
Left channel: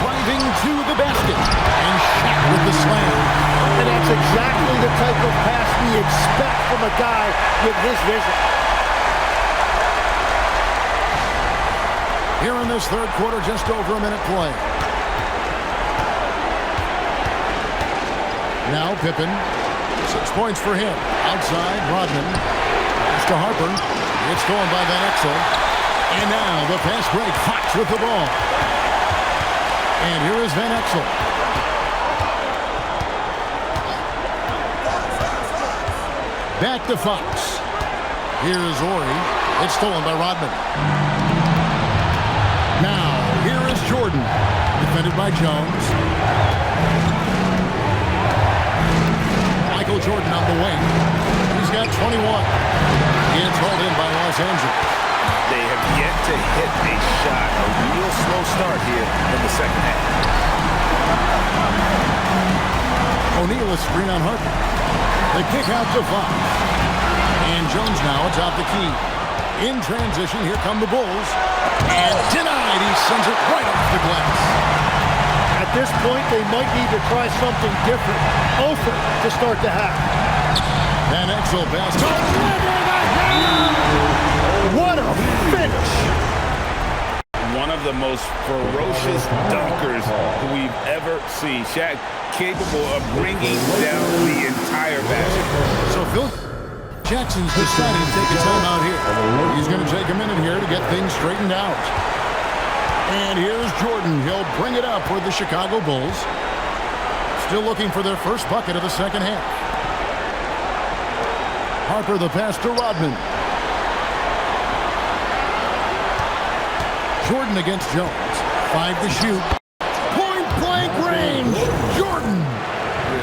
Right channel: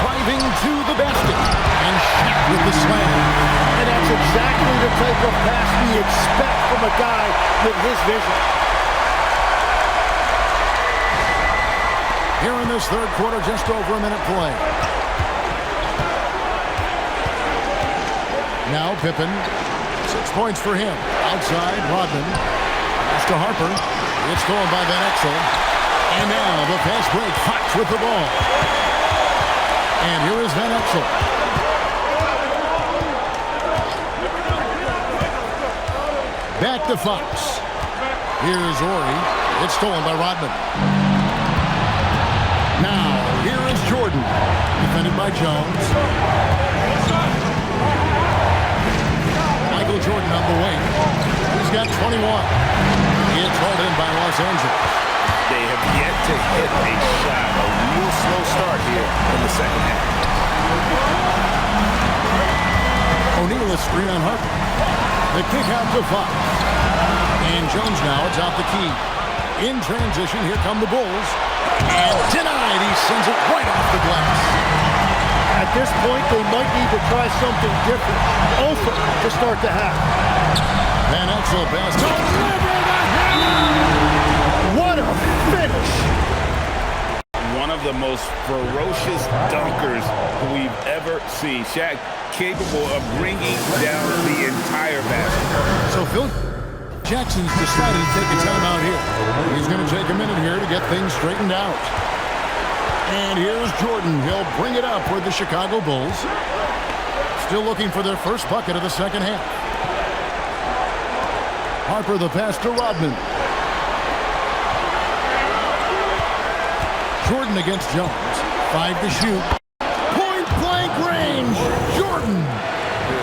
Driving to the basket. And Shaq with the slam. And that's exactly the type of pass we expect from a guy with his vision. Here in this third quarter, just over a minute play. Now Pippen. 6 points for him. Outside, Rodman. Pass to Harper. It's stolen by Van Exel. And now the fast break. Fox with the ball. And here is Van Exel. Back to Fox. Here's Horry. It's stolen by Rodman. Now, here is Jordan. Defended by Jones. Michael Jordan on the wing. He's got 21. It's hauled in by Los Angeles. They have yet to hit a shot. A real slow start here in the second half. O'Neal is screen on Harper. The kick out to Fox. And Jones now, it's out the key. In transition, here come the Bulls. And denied, he sends it right off the glass. At this point, they might need to try something different. Over to start the half. Van Exel pass. Deliver the hammer! What a finish! One of the most ferocious dunkers we've ever seen. Shaq capable of bringing down the entire basket. So Phil Jackson's decided to take a timeout here. He's going to take a minute here to get things straightened out. And here's Jordan. He'll bring it up for the Chicago Bulls. Still looking for their first bucket of the second half. Harper the pass to Rodman. Jordan against Jones. 5 to shoot. Point blank range. Jordan.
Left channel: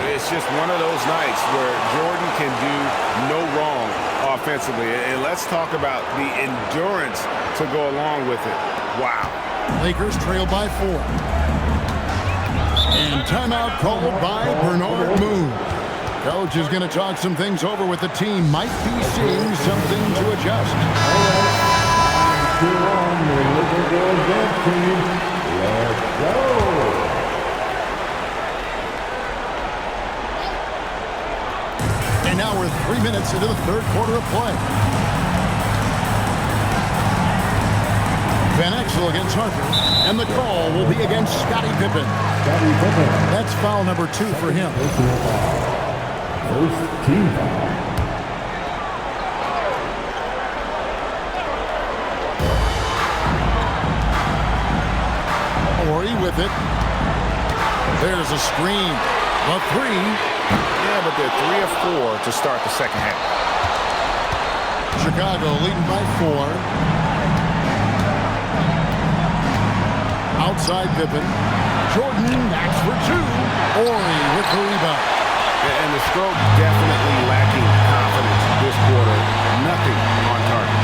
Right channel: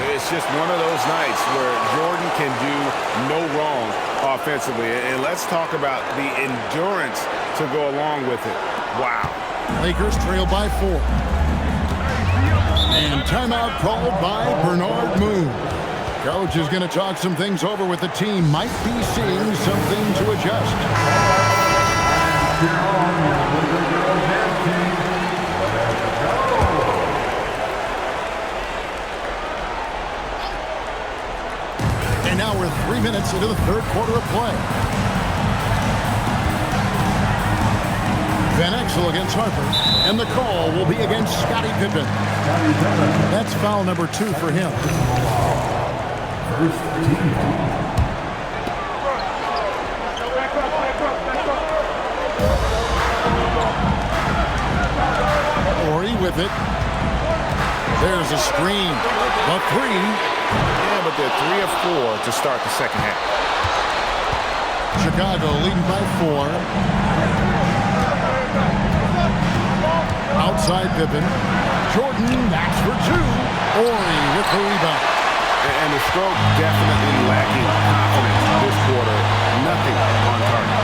It's just one of those nights where Jordan can do no wrong offensively. And let's talk about the endurance to go along with it. Wow. Lakers trail by 4. And timeout called by Bernard Moon. Coach is going to talk some things over with the team. Might be seeing something to adjust. Cheer on your Liberty Girls dance team. Let's go. And now we're 3 minutes into the third quarter of play. Van Exel against Harper, and the call will be against Scottie Pippen. That's foul number 2 for him. First team foul. Ori with it. There's a screen. The 3. Yeah, but they're 3 of 4 to start the second half. Chicago leading by 4. Outside Pippen. Jordan, that's for 2. Ori with the rebound. And the stroke definitely lacking confidence this quarter. Nothing on target.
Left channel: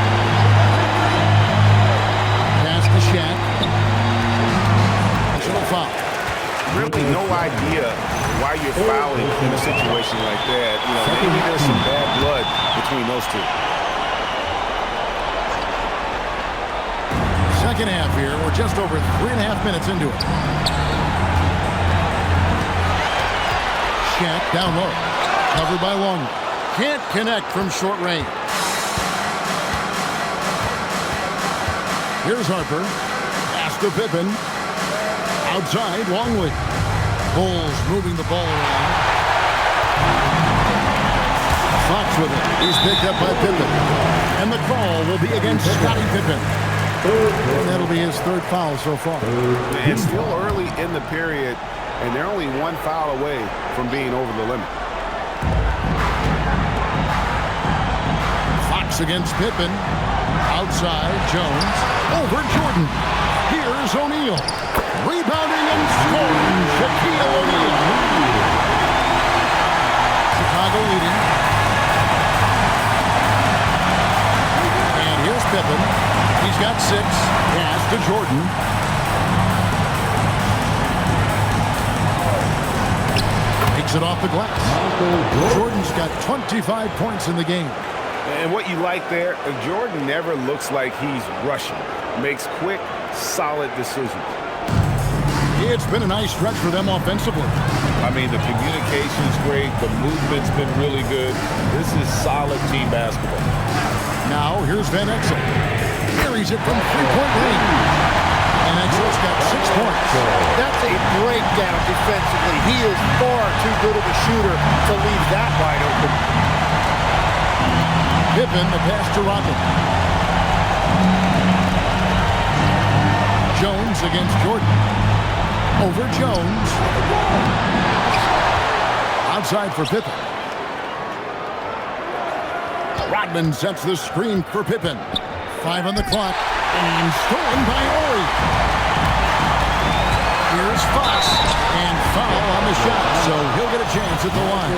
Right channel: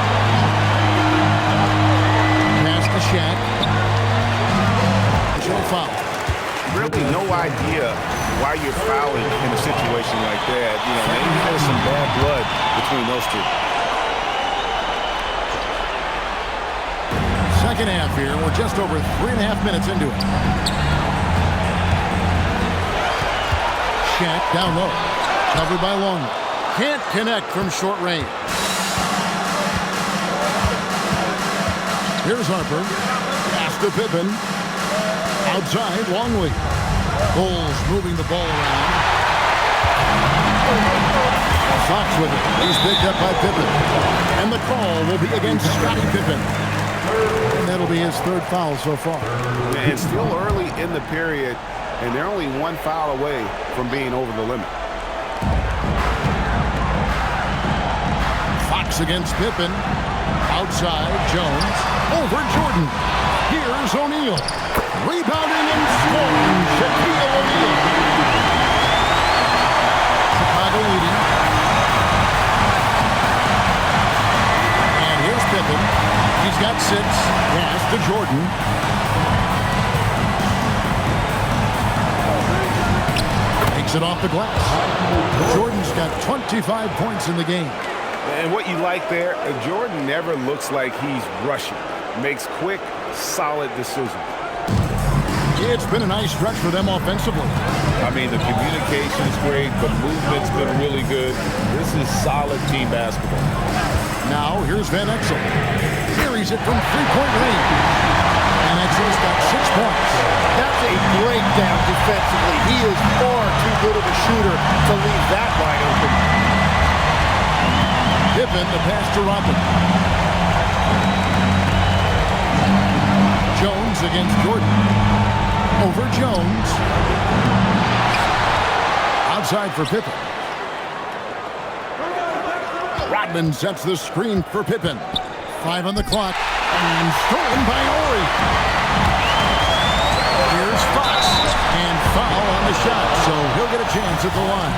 Pass to Shaq. Intentional foul. Really no idea why you're fouling in a situation like that. You know, maybe there's some bad blood between those two. Second half here. We're just over 3.5 minutes into it. Shaq down low. Covered by Longley. Can't connect from short range. Here's Harper. Pass to Pippen. Outside, Longley. Bulls moving the ball around. Fox with it. He's picked up by Pippen. And the call will be against Scottie Pippen. And that'll be his 3rd foul so far. It's still early in the period, and they're only 1 foul away from being over the limit. Fox against Pippen. Outside, Jones. Over Jordan. Here's O'Neal. Rebounding and scoring, Shaquille O'Neal. Chicago leading. And here's Pippen. He's got 6. Pass to Jordan. Takes it off the glass. Jordan's got 25 points in the game. And what you like there, Jordan never looks like he's rushing. Makes quick, solid decisions. It's been a nice stretch for them offensively. I mean, the communication's great. The movement's been really good. This is solid team basketball. Now, here's Van Exel. Carries it from 3-point range. Van Exel's got 6 points. That's a breakdown defensively. He is far too good of a shooter to leave that wide open. Pippen, the pass to Rodman. Jones against Jordan. Over Jones. Outside for Pippen. Rodman sets the screen for Pippen. 5 on the clock. And stolen by Ori. Here's Fox. And foul on the shot. So he'll get a chance at the line.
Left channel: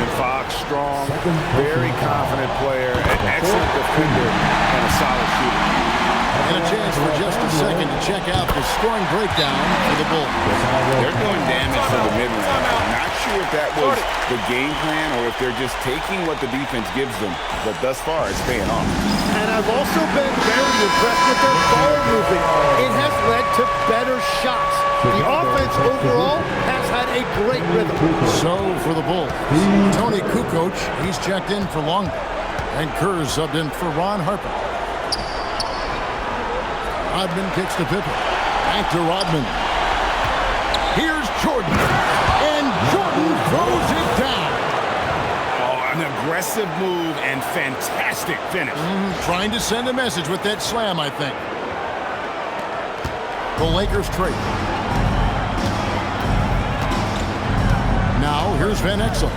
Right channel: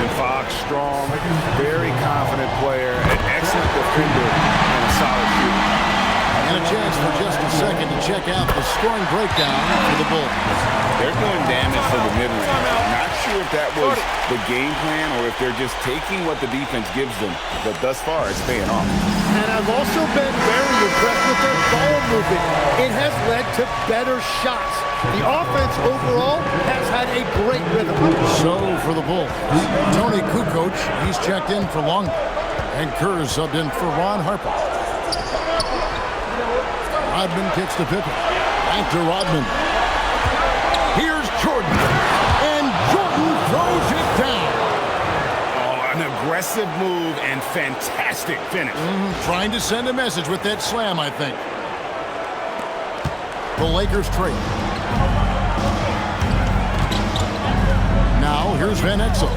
And Fox, strong, very confident player, an excellent defender, and a solid shooter. And a chance for just a second to check out the scoring breakdown for the Bulls. They're doing damage for the mid-range. Not sure if that was the game plan or if they're just taking what the defense gives them. But thus far, it's paying off. And I've also been very impressed with their ball movement. It has led to better shots. The offense overall has had a great rhythm. So for the Bulls, Tony Kukoc, he's checked in for Longley. And Kerr subbed in for Ron Harper. Rodman kicks to Pippen. Back to Rodman. Here's Jordan. And Jordan throws it down. Oh, an aggressive move and fantastic finish. Trying to send a message with that slam, I think. The Lakers trade. Now, here's Van Exel.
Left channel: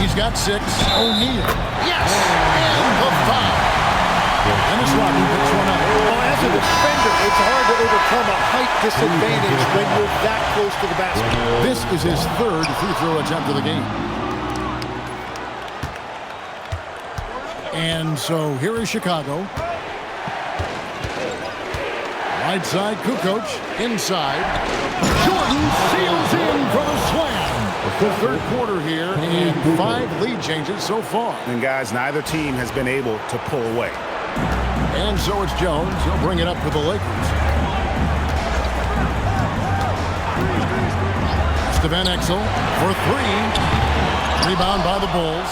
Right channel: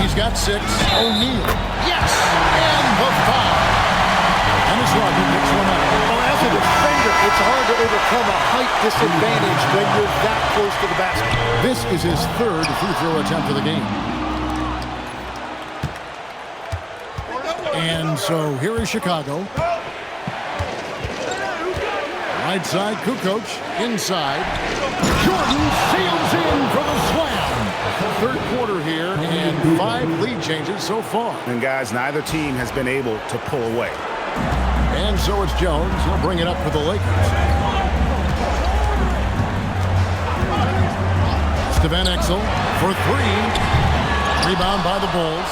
He's got 6. O'Neal. Yes! And the foul. Dennis Rodman picks one up. Well, as a defender, it's hard to overcome a height disadvantage when you're that close to the basket. This is his 3rd free throw attempt of the game. And so here is Chicago. Right side, Kukoc. Inside. Jordan sails in for the slam. Third quarter here and 5 lead changes so far. And guys, neither team has been able to pull away. And so it's Jones. He'll bring it up for the Lakers. Van Exel for 3. Rebound by the Bulls.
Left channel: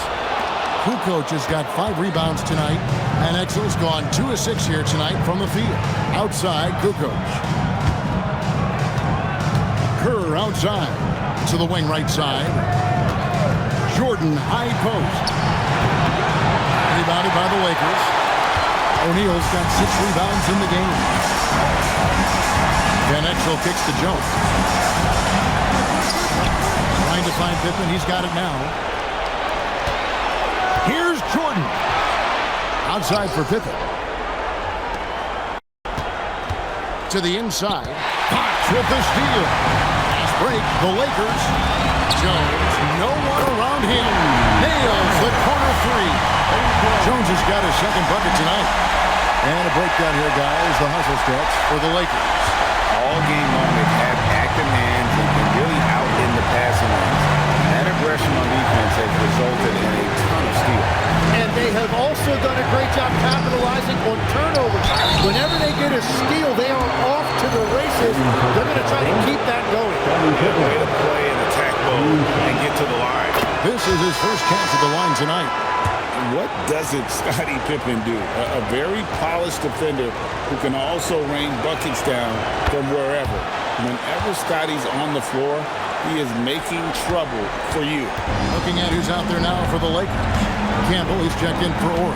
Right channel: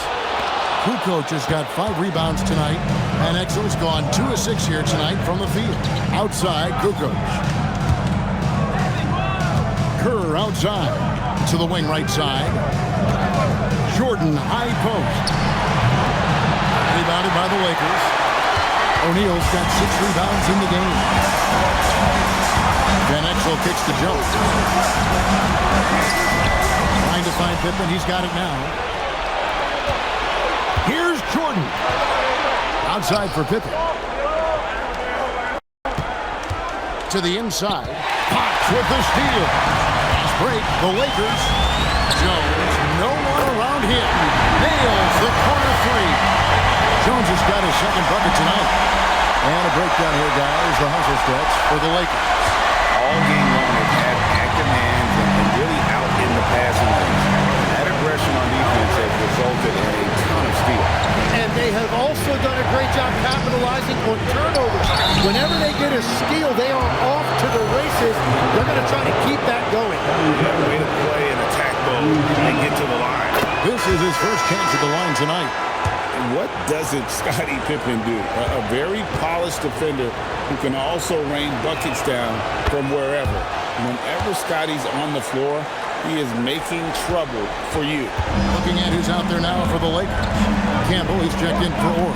Kukoc has got 5 rebounds tonight. Van Exel's gone 2 of 6 here tonight from the field. Outside, Kukoc. Kerr outside to the wing right side. Jordan high post. Rebounded by the Lakers. O'Neal's got 6 rebounds in the game. Van Exel kicks to Jones. Trying to find Pippen. He's got it now. Here's Jordan. Outside for Pippen. To the inside. Fox with the steal. Fast break. The Lakers. Jones. No one around him. Nails the corner 3. Jones has got his second bucket tonight. And a breakdown here, guys. The hustle stats for the Lakers. All game long, they've had active hands and really out in the passing lanes. And that aggression on defense has resulted in a ton of steals. And they have also done a great job capitalizing on turnovers. Whenever they get a steal, they are off to the races. They're going to try to keep that going. Yeah, way to play in attack mode and get to the line. This is his first chance at the line tonight. What doesn't Scottie Pippen do? A very polished defender who can also rain buckets down from wherever. Whenever Scottie's on the floor, he is making trouble for you. Looking at who's out there now for the Lakers. Campbell, he's checked in for Orr.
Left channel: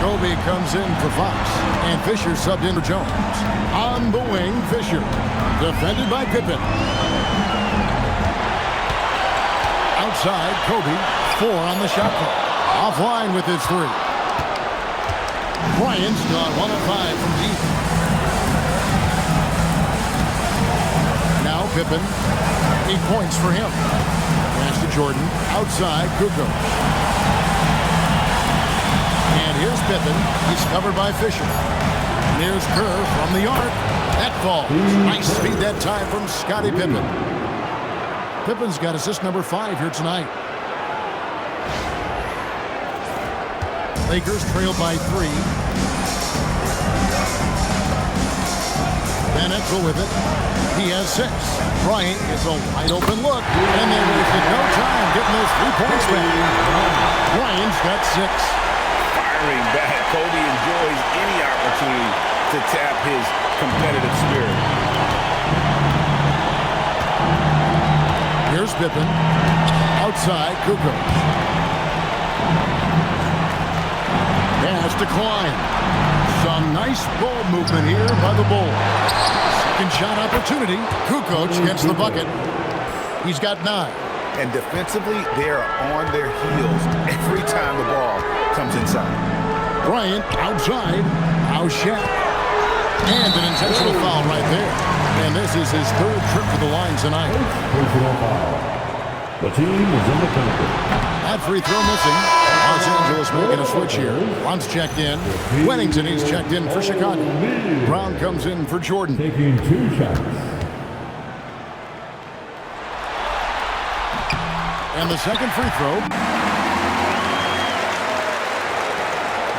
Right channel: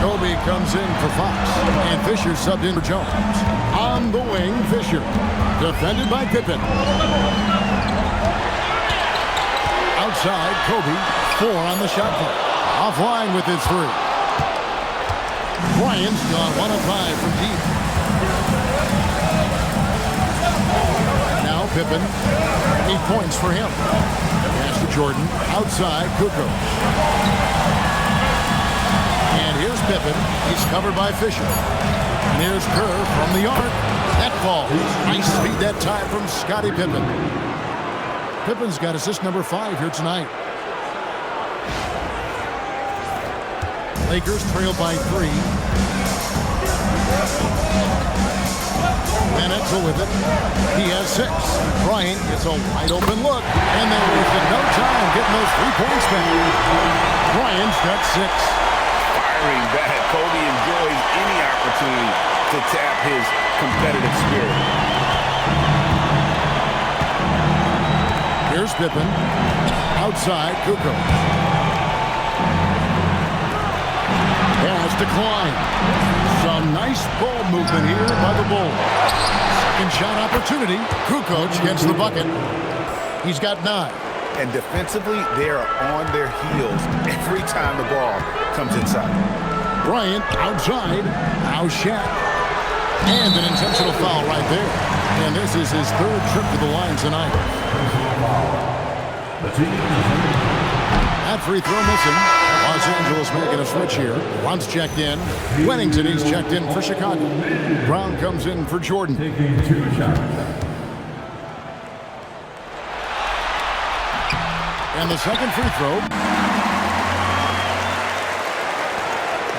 Kobe comes in for Fox. And Fisher subbed in for Jones. On the wing, Fisher. Defended by Pippen. Outside, Kobe. 4 on the shot clock. Offline with his 3. Bryant's gone 1 of 5 from deep. Now Pippen. 8 points for him. Pass to Jordan. Outside, Kukoc. And here's Pippen. He's covered by Fisher. And here's Kerr from the arc. That falls. Nice speed that time from Scottie Pippen. Pippen's got assist number 5 here tonight. Lakers trail by 3. Van Exel with it. He has 6. Bryant gets a wide open look, and they wasted no time getting those 3 points back. Bryant's got 6. Firing back. Kobe enjoys any opportunity to tap his competitive spirit. Here's Pippen. Outside, Kukoc. Pass to Klein. Some nice ball movement here by the Bulls. Second shot opportunity. Kukoc gets the bucket. He's got 9. And defensively, they are on their heels every time the ball comes inside. Bryant outside. Now Shaq. And an intentional foul right there. And this is his 3rd trip to the line tonight. Personal foul. The team is in the penalty. That free throw missing. Los Angeles making a switch here. Once checked in. Wennington, he's checked in for Chicago. Brown comes in for Jordan. Taking 2 shots. And the second free throw.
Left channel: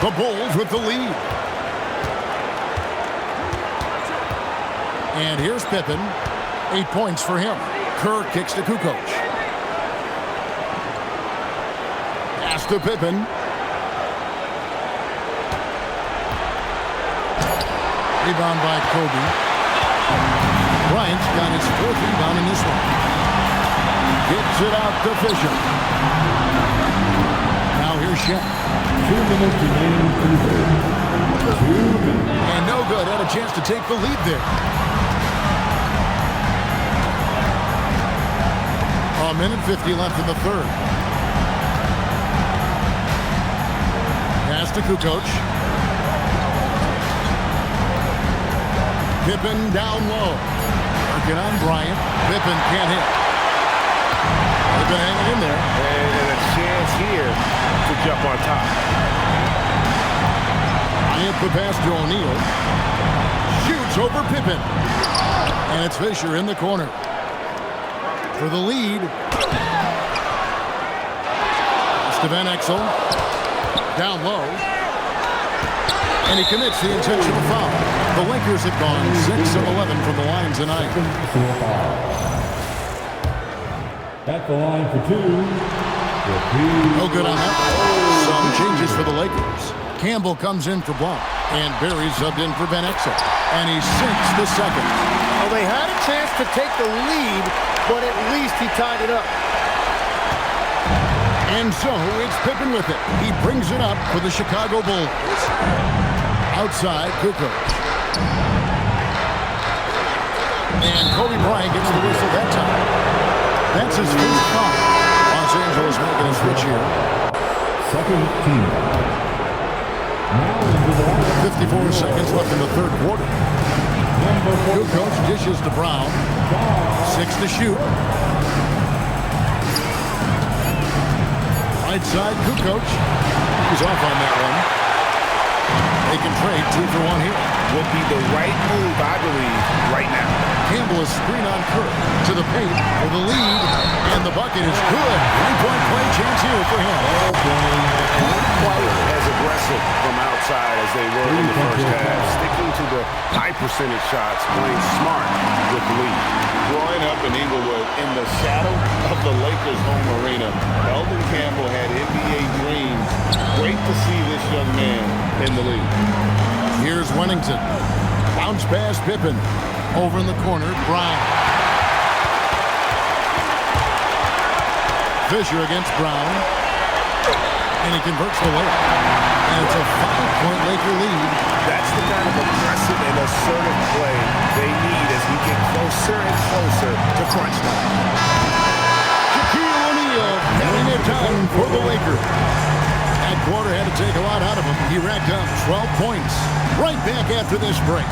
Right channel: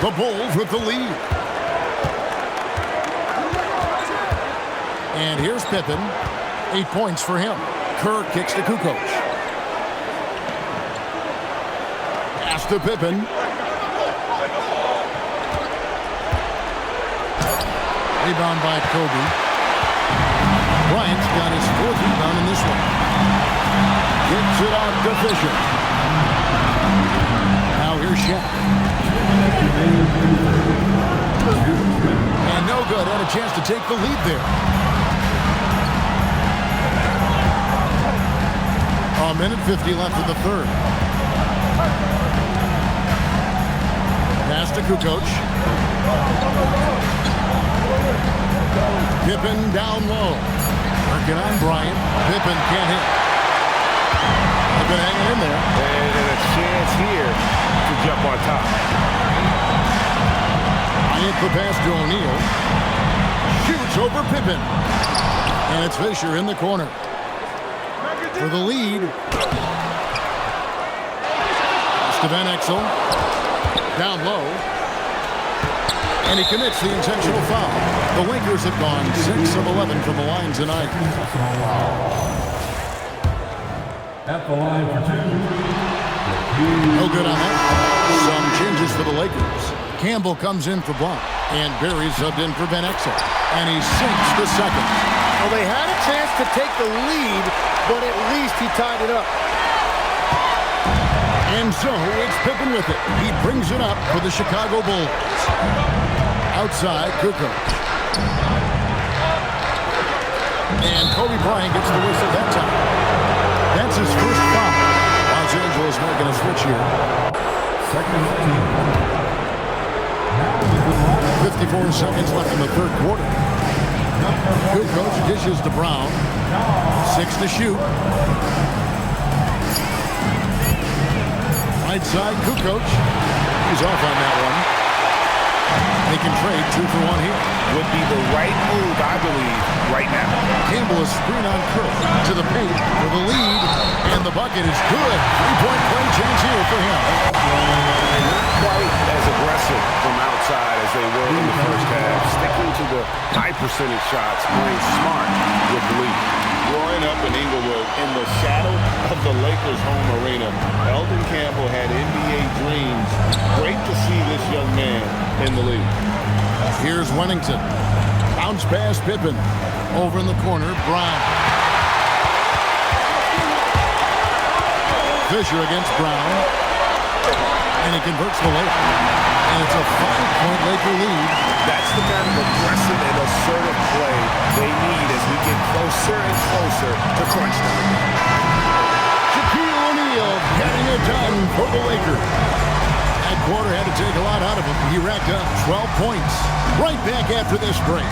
The Bulls with the lead. And here's Pippen. 8 points for him. Kerr kicks to Kukoc. Pass to Pippen. Rebound by Kobe. Bryant's got his 4th rebound in this one. Gets it out to Fisher. Now here's Shaq. 2 minutes remaining through 30. 2 minutes. And no good. Had a chance to take the lead there. A minute 50 left in the 3rd. Pass to Kukoc. Pippen down low. Working on Bryant. Pippen can't hit. They've been hanging in there. And a chance here to jump on top. Bryant the pass to O'Neal. Shoots over Pippen. And it's Fisher in the corner. for the lead. Van Exel down low, and he commits the intentional foul. The Lakers have gone 6 of 11 from the line tonight. At the line for 2. No good on that. Some changes for the Lakers. Campbell comes in for Blount, and Barry subbed in for Van Exel, and he sinks the second. Well, they had a chance to take the lead, but at least he tied it up. And so it's Pippen with it. He brings it up for the Chicago Bulls. Outside, Kukoc. And Kobe Bryant gets the whistle that time. That's his first foul. Los Angeles making a switch here. Second team. Now into the line. 54 seconds left in the third quarter. Kukoc dishes to Brown. 6 to shoot. Right side, Kukoc. He's off on that one. They can trade 2 for 1 here. Would be the right move, I believe, right now. Campbell is screen on Kerr to the paint for the lead, and the bucket is good. 3-point play chance here for him. And not quite as aggressive from outside as they were in the first half. Sticking to the high percentage shots, playing smart with the lead. Growing up in Inglewood, in the shadow of the Lakers' home arena, Eldon Campbell had NBA dreams. Great to see this young man in the league. Here's Wennington. Bounce pass Pippen. Over in the corner, Brown. Fisher against Brown. And he converts the layup. And it's a 5-point Laker lead. That's the kind of aggressive and assertive play they need as we get closer and closer to crunch time. Shaquille O'Neal getting it done for the Lakers. That quarter had to take a lot out of him. He racked up 12 points. Right back after this break.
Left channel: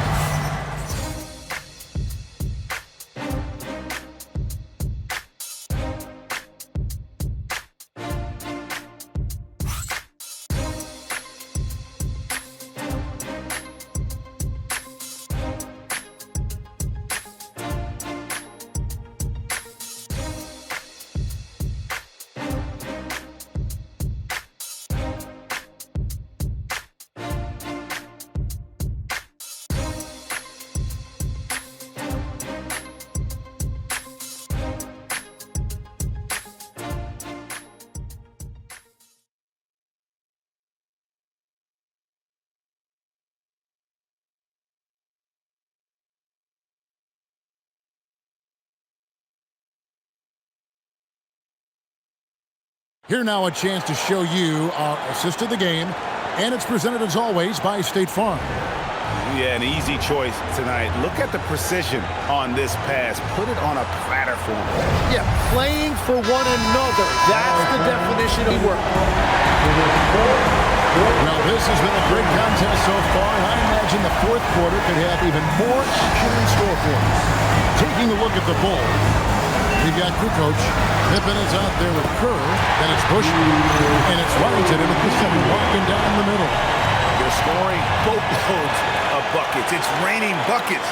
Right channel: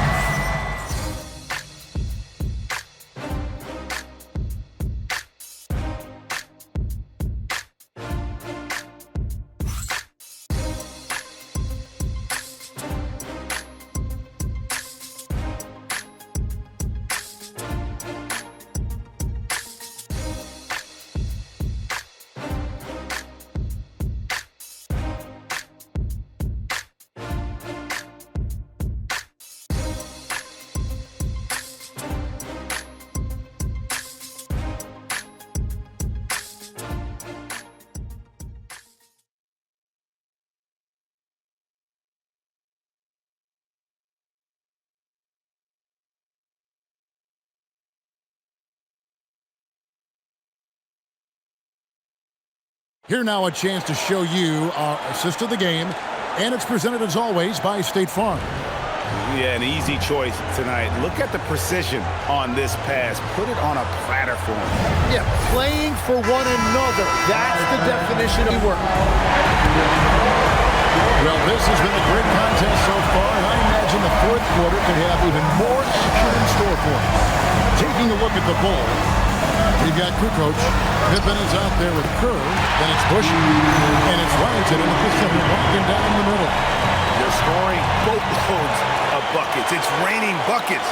Here now a chance to show you our assist of the game, and it's presented as always by State Farm. Yeah, an easy choice tonight. Look at the precision on this pass. Put it on a platter for him. Yeah, playing for one another. That's the definition of work. Well, this has been a great contest so far, and I imagine the fourth quarter could have even more action in store for us. Taking a look at the Bulls, we've got Kukoc. Pippen is out there with Kerr. Then it's Bush, and it's Wellington in the center walking down the middle. They're scoring boatloads of buckets. It's raining buckets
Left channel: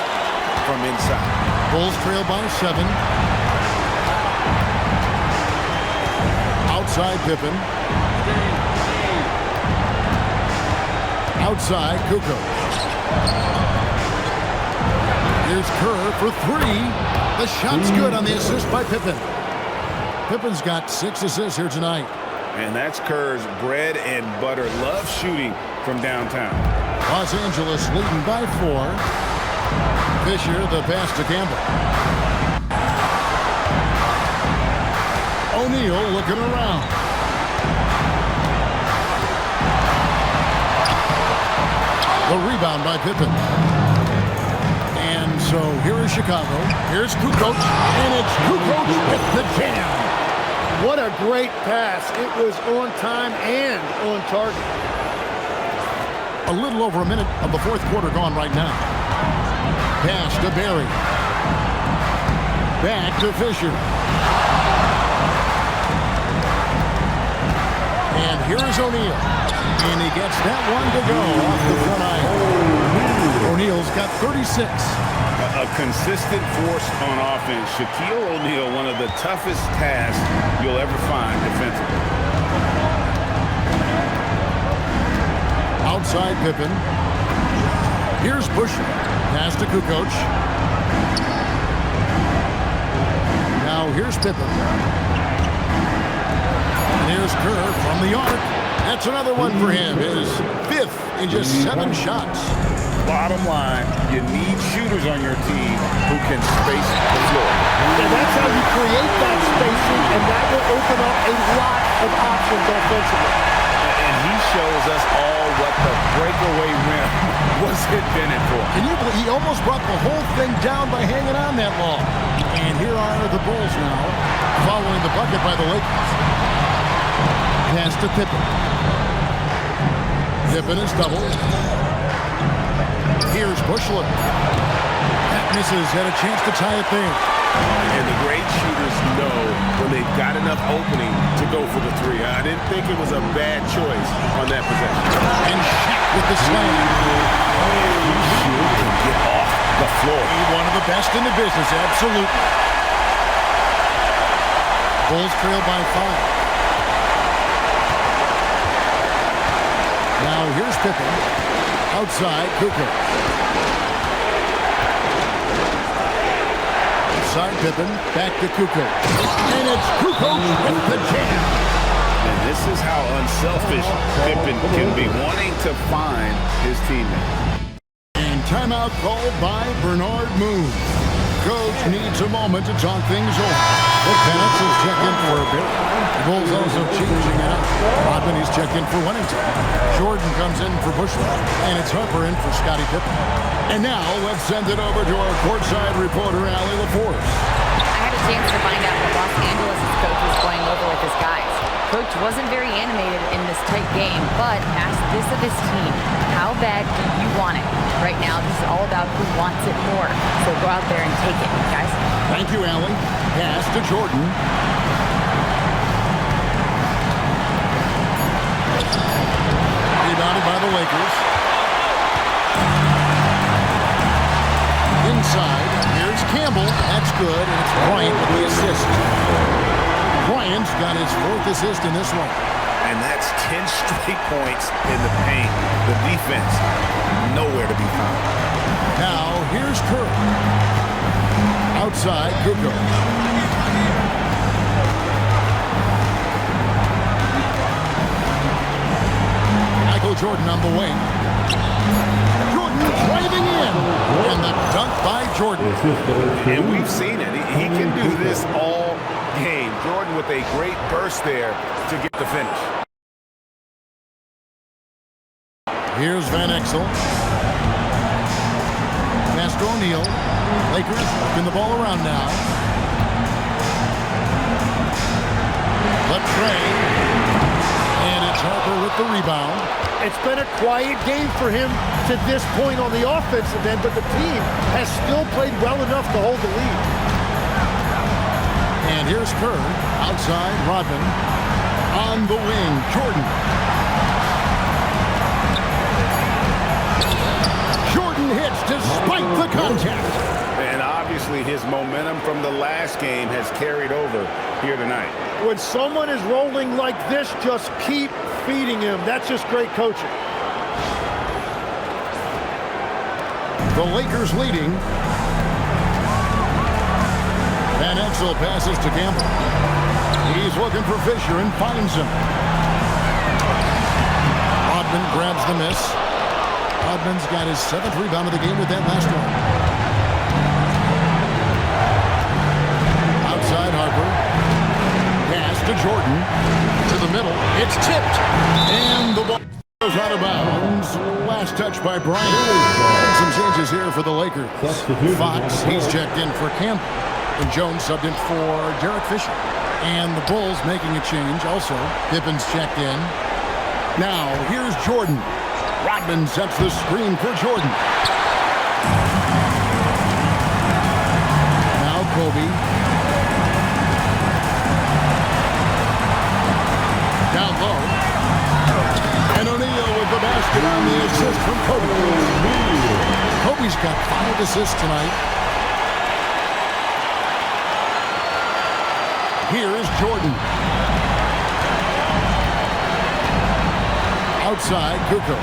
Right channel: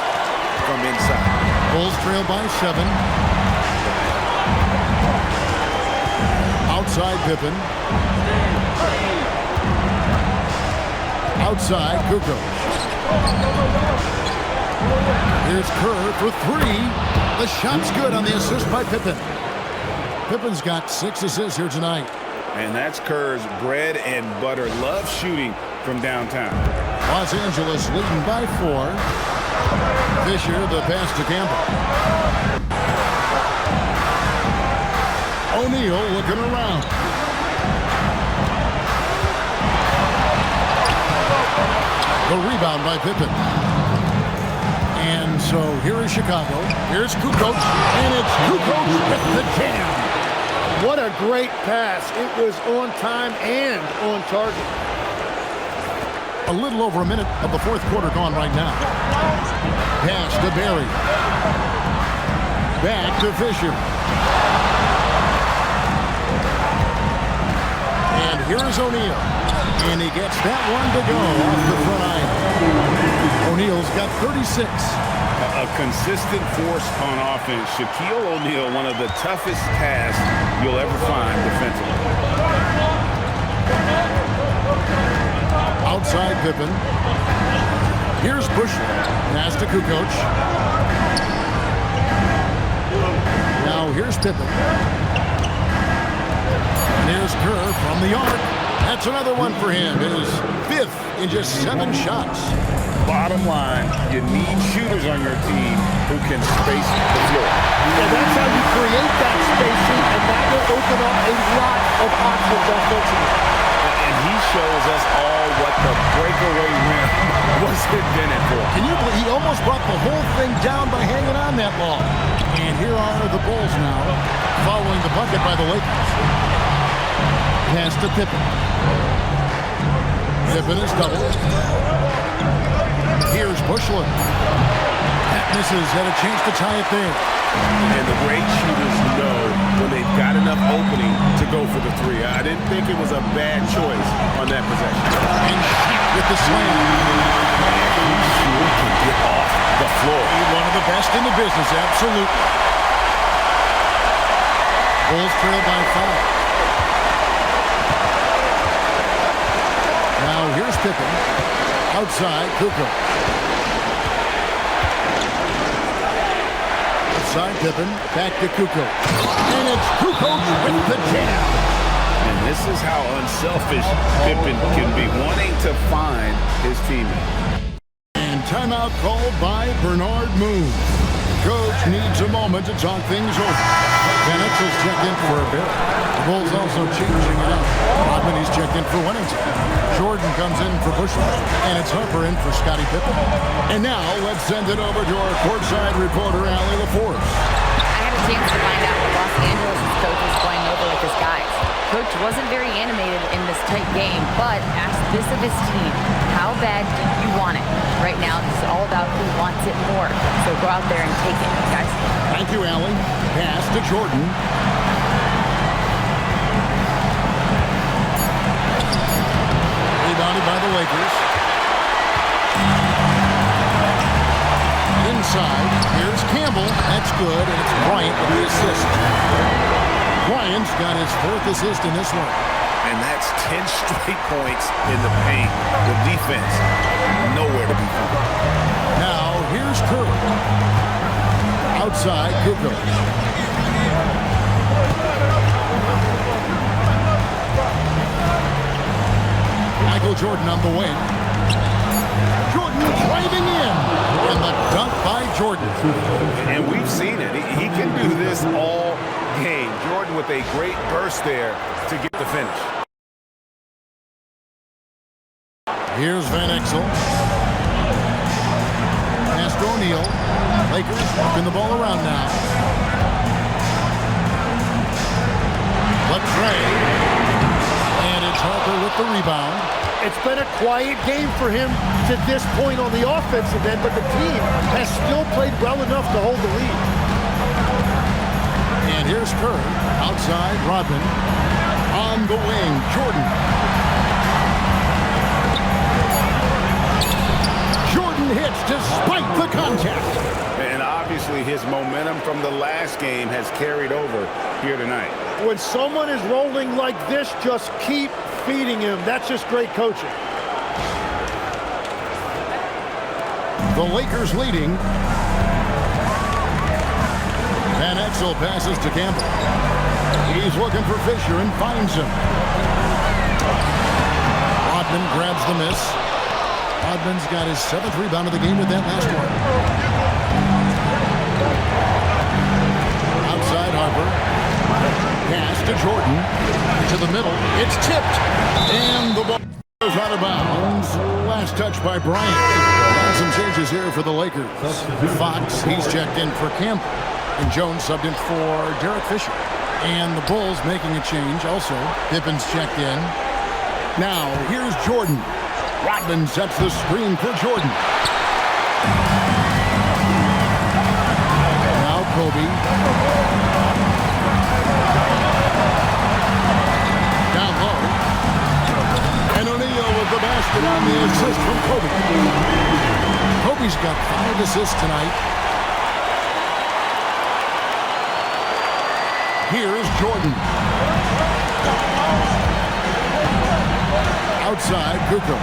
from inside. Bulls trail by 7. Outside Pippen. Outside Kukoc. Here's Kerr for 3. The shot's good on the assist by Pippen. Pippen's got 6 assists here tonight. And that's Kerr's bread and butter. Love shooting from downtown. Los Angeles leading by 4. Fisher, the pass to Campbell. O'Neal looking around. The rebound by Pippen. And so here is Chicago. Here's Kukoc, and it's Kukoc with the jam. What a great pass. It was on time and on target. A little over a minute of the fourth quarter gone right now. Pass to Barry. Back to Fisher. And here is O'Neal. And he gets that one to go off the front iron. O'Neal's got 36. A consistent force on offense. Shaquille O'Neal, one of the toughest tasks you'll ever find defensively. Outside Pippen. Here's Bushel. Pass to Kukoc. Now here's Pippen. And here's Kerr from the arc. That's another one for him. His 5th in just 7 shots. Bottom line, you need shooters on your team who can space the floor. Yeah, that's how you create that spacing, and that will open up a lot of options offensively. And he shows us all what the breakaway rim was invented for. Can you believe he almost brought the whole thing down by hanging on that long? And here are the Bulls now, following the bucket by the Lakers. Pass to Pippen. Pippen is doubled. Here's Bushler. That misses, had a chance to tie it there. And the great shooters know when they've got enough opening to go for the 3. I didn't think it was a bad choice on that possession. And Shaq with the slam. And he sure can get off the floor. One of the best in the business, absolutely. Bulls trail by 5. Now here's Pippen. Outside, Kukoc. Outside Pippen, back to Kukoc. And it's Kukoc with the jam. And this is how unselfish Pippen can be, wanting to find his teammate. And timeout called by Bernard Moon. Coach needs a moment to talk things over. Van Exel's checked in for Barrett. The Bulls also changing it up. Rodman, he's checked in for Wennington. Jordan comes in for Bushler. And it's Harper in for Scottie Pippen. And now let's send it over to our courtside reporter, Allie LaForce. I had a chance to find out what Los Angeles' coach was going over with his guys. Coach wasn't very animated in this tight game, but asked this of his team: how bad do you want it? Right now, this is all about who wants it more. So go out there and take it, guys. Thank you, Allie. Pass to Jordan. Rebounded by the Lakers. Inside, here's Campbell. That's good, and it's Bryant with the assist. Bryant's got his 4th assist in this one. And that's 10 straight points in the paint. The defense, nowhere to be found. Now, here's Kerr. Outside, Kukoc. Michael Jordan on the wing. Jordan driving in. And the dunk by Jordan. And we've seen it. He can do this all game. Jordan with a great burst there to get the finish. Here's Van Exel. Pass to O'Neal. Lakers working the ball around now. Latrey. And it's Harper with the rebound. It's been a quiet game for him to this point on the offensive end, but the team has still played well enough to hold the lead. And here's Kerr. Outside, Rodman. On the wing, Jordan. Jordan hits despite the contact. And obviously his momentum from the last game has carried over here tonight. When someone is rolling like this, just keep feeding him. That's just great coaching. The Lakers leading. Van Exel passes to Campbell. He's looking for Fisher and finds him. Rodman grabs the miss. Rodman's got his 7th rebound of the game with that last one. Outside Harper. Pass to Jordan. To the middle. It's tipped. And the ball goes out of bounds. Last touch by Bryant. And some changes here for the Lakers. Fox, he's checked in for Campbell. And Jones subbed in for Derek Fisher. And the Bulls making a change also. Pippen's checked in. Now, here's Jordan. Rodman sets the screen for Jordan. Now Kobe. Down low. And O'Neal with the basket on the assist from Kobe. Kobe's got 5 assists tonight. Here's Jordan. Outside, Kukoc.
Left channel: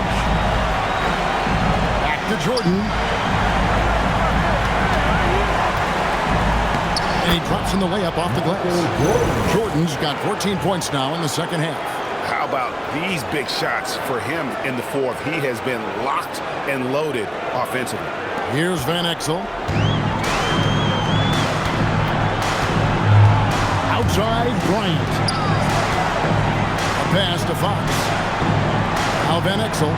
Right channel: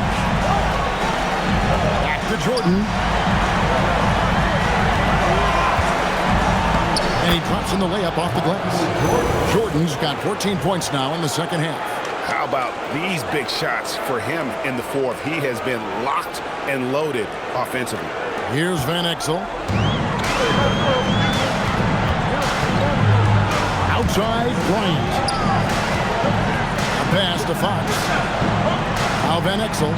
Back to Jordan. And he drops in the layup off the glass. Jordan's got 14 points now in the second half. How about these big shots for him in the fourth? He has been locked and loaded offensively. Here's Van Exel. Outside, Bryant. A pass to Fox. Now Van Exel.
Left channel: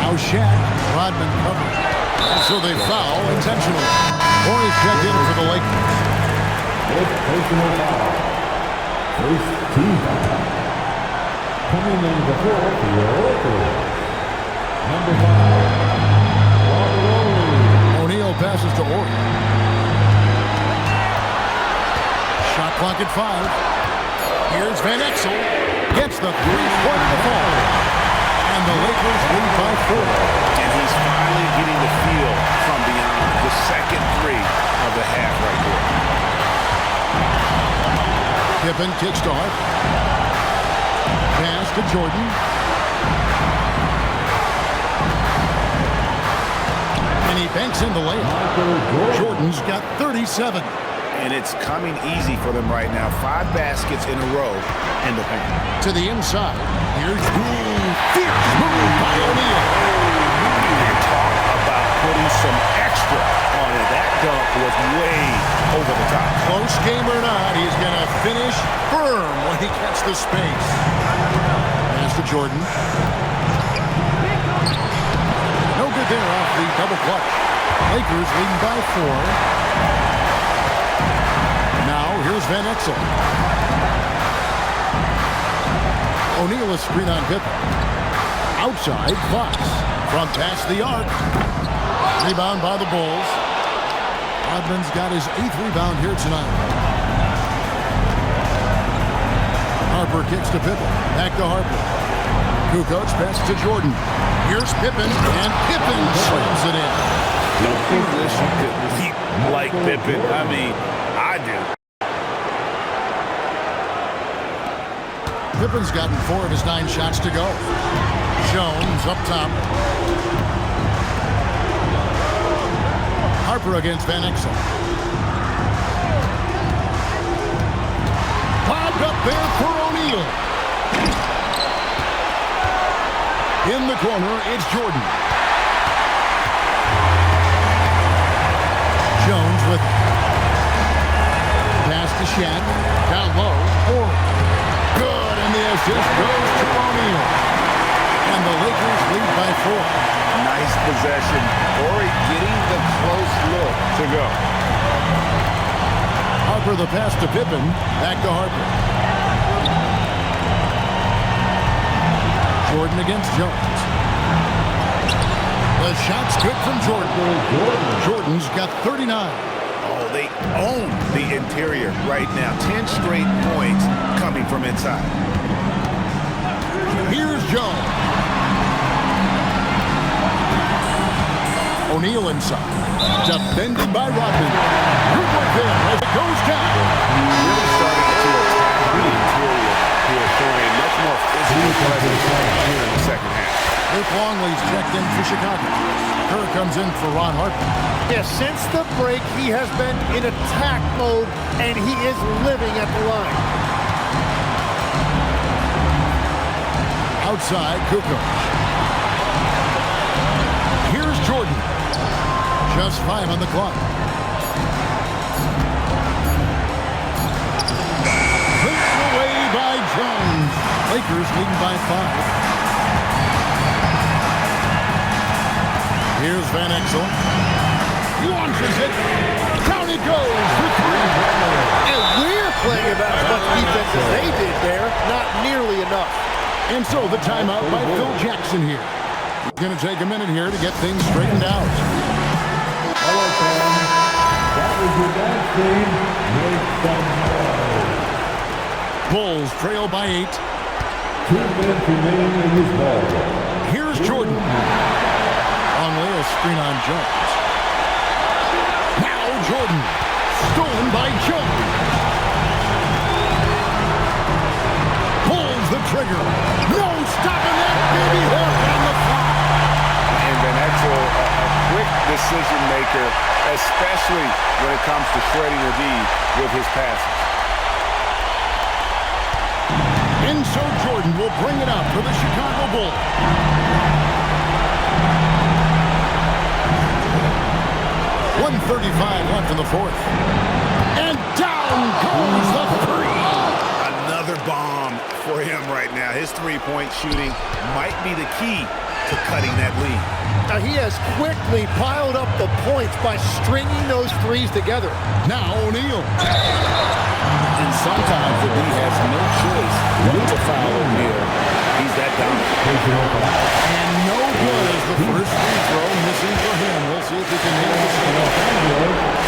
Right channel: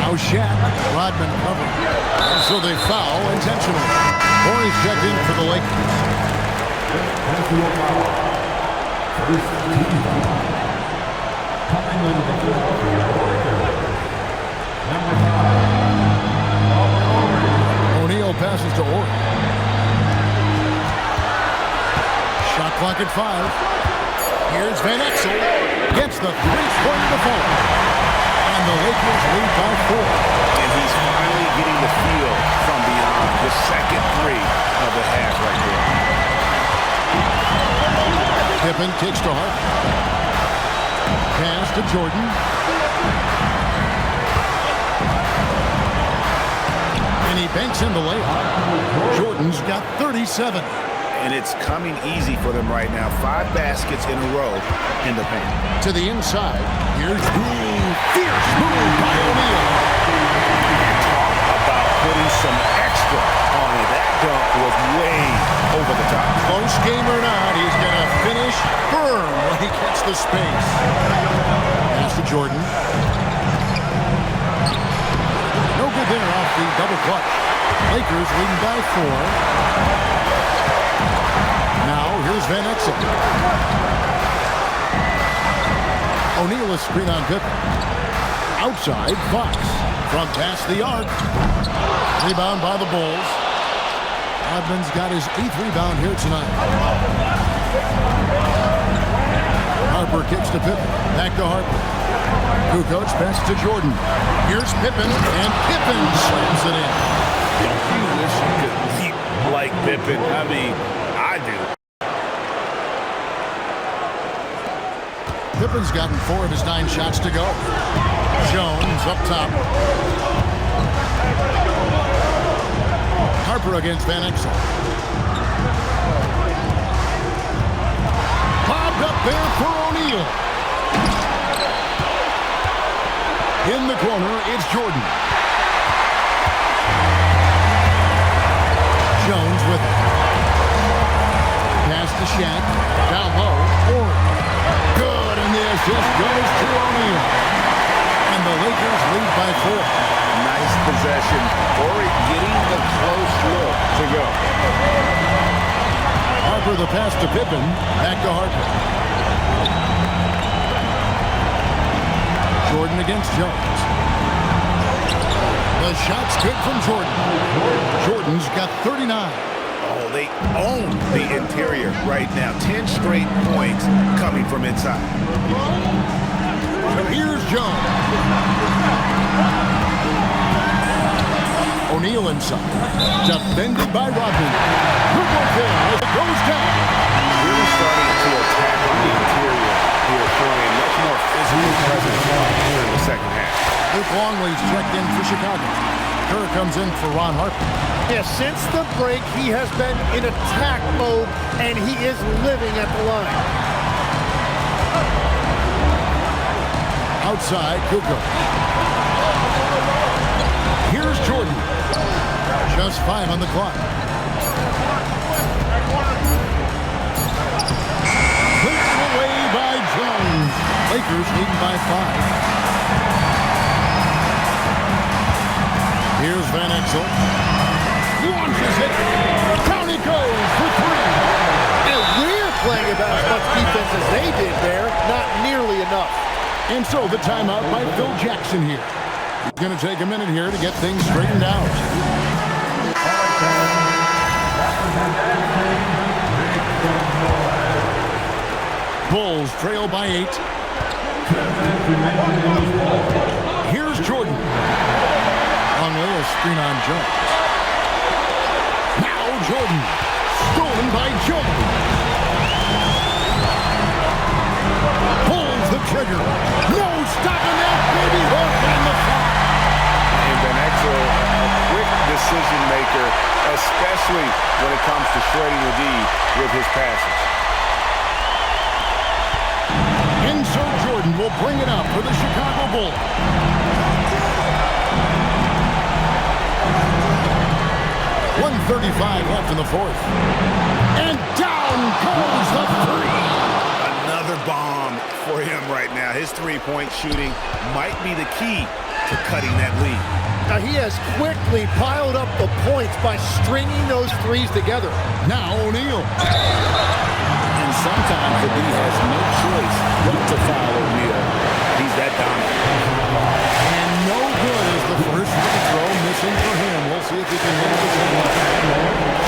Now Shaq. Rodman cover. And so they foul intentionally. Horry's checked in for the Lakers. Personal foul. First team foul. Coming into the floor for your Lakers. Number 5, Robert Horry. O'Neal passes to Horry. Shot clock at 5. Here's Van Exel. Gets the three-pointer to fall. And the Lakers lead by 4. And he's finally getting the feel from beyond the second three of the half right there. Pippen kicks to Hart. Pass to Jordan. And he banks in the layup. Jordan's got 37. And it's coming easy for them right now. 5 baskets in a row in the paint. To the inside. Here's fierce move by O'Neal. And talk about putting some extra on it. That dunk was way over the top. Close game or not, he's going to finish firm when he gets the space. Pass to Jordan. No good there off the double clutch. Lakers leading by 4. Now, here's Van Exel. O'Neal is screen on Pippen. Outside, Fox. From past the arc. Rebound by the Bulls. Rodman's got his 8th rebound here tonight. Harper kicks to Pippen. Back to Harper. Kukoc pass to Jordan. Here's Pippen, and Pippen slams it in. Don't you wish you could leap like Pippen? I mean, I do. Pippen's gotten 4 of his 9 shots to go. Jones up top. Harper against Van Exel. Lobbed up there for O'Neal. In the corner, it's Jordan. Jones with it. Pass to Shaq. Down low. Horry. Good, and the assist goes to O'Neal. And the Lakers lead by 4. Nice possession. Horry getting the close look to go. Harper the pass to Pippen. Back to Harper. Jordan against Jones. The shot's good from Jordan. Jordan's got 39. Oh, they own the interior right now. 10 straight points coming from inside. Here's Jones. O'Neal inside. Defended by Rodman. Good work there as it goes down. Really starting to attack on the interior here, showing a much more physical presence here in the second half. Luke Longley's checked in for Chicago. Kerr comes in for Ron Harper. Yeah, since the break, he has been in attack mode, and he is living at the line. Outside, Kukoc. Here's Jordan. Just 5 on the clock. Cleared away by Jones. Lakers leading by 5. Here's Van Exel. Launches it. Down it goes for 3. And we're playing about as much defense as they did there. Not nearly enough. And so the timeout by Phil Jackson here. He's going to take a minute here to get things straightened out. All right, Sam. That was your dance team. Make some noise. Bulls trail by 8. 10 minutes remaining in this ball. Here's Jordan. Longley, a screen on Jones. Now Jordan. Stolen by Jones. trigger. No stopping that baby hook on the fly. And Van Exel, a quick decision maker, especially when it comes to shredding the D with his passes. And so Jordan will bring it up for the Chicago Bulls. .135 left in the fourth. And down goes the three. Another bomb for him right now. His three-point shooting might be the key to cutting that lead. Now he has quickly piled up the points by stringing those threes together. Now O'Neal. And sometimes the D has no choice but to foul O'Neal. He's that dominant. And no good as the first free throw missing for him. We'll see if he can hit the second.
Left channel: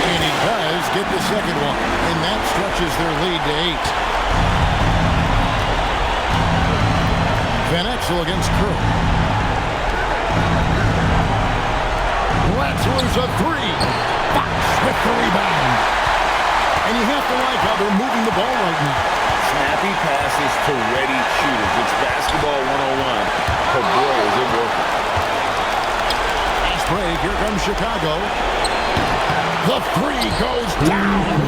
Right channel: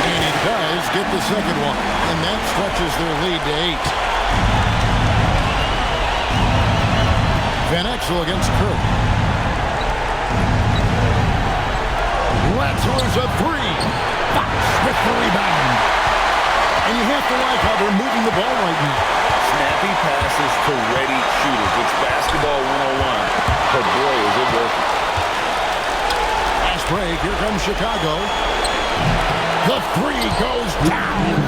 And he does get the second one. And that stretches their lead to 8. Van Exel against Kerr. Lets loose a three. Fox with the rebound. And you have to like how they're moving the ball right now. Snappy passes to ready shooters. It's basketball 101, but boy, is it working. Fast break. Here comes Chicago. The three goes down.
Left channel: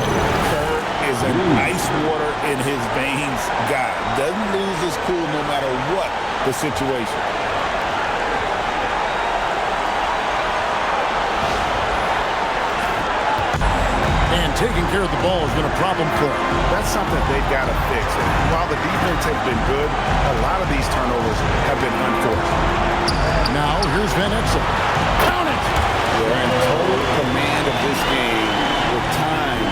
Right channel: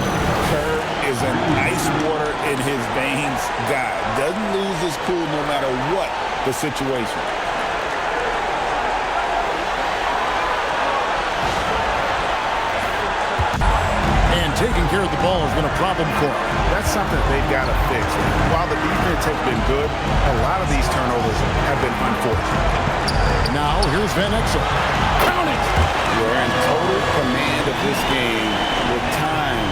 Kerr is an ice water in his veins guy. Doesn't lose his cool no matter what the situation. And taking care of the ball has been a problem for him. That's something that they've got to fix. While the defense has been good, a lot of these turnovers have been unforced. Now, here's Van Exel. Count it! We're in total command of this game with time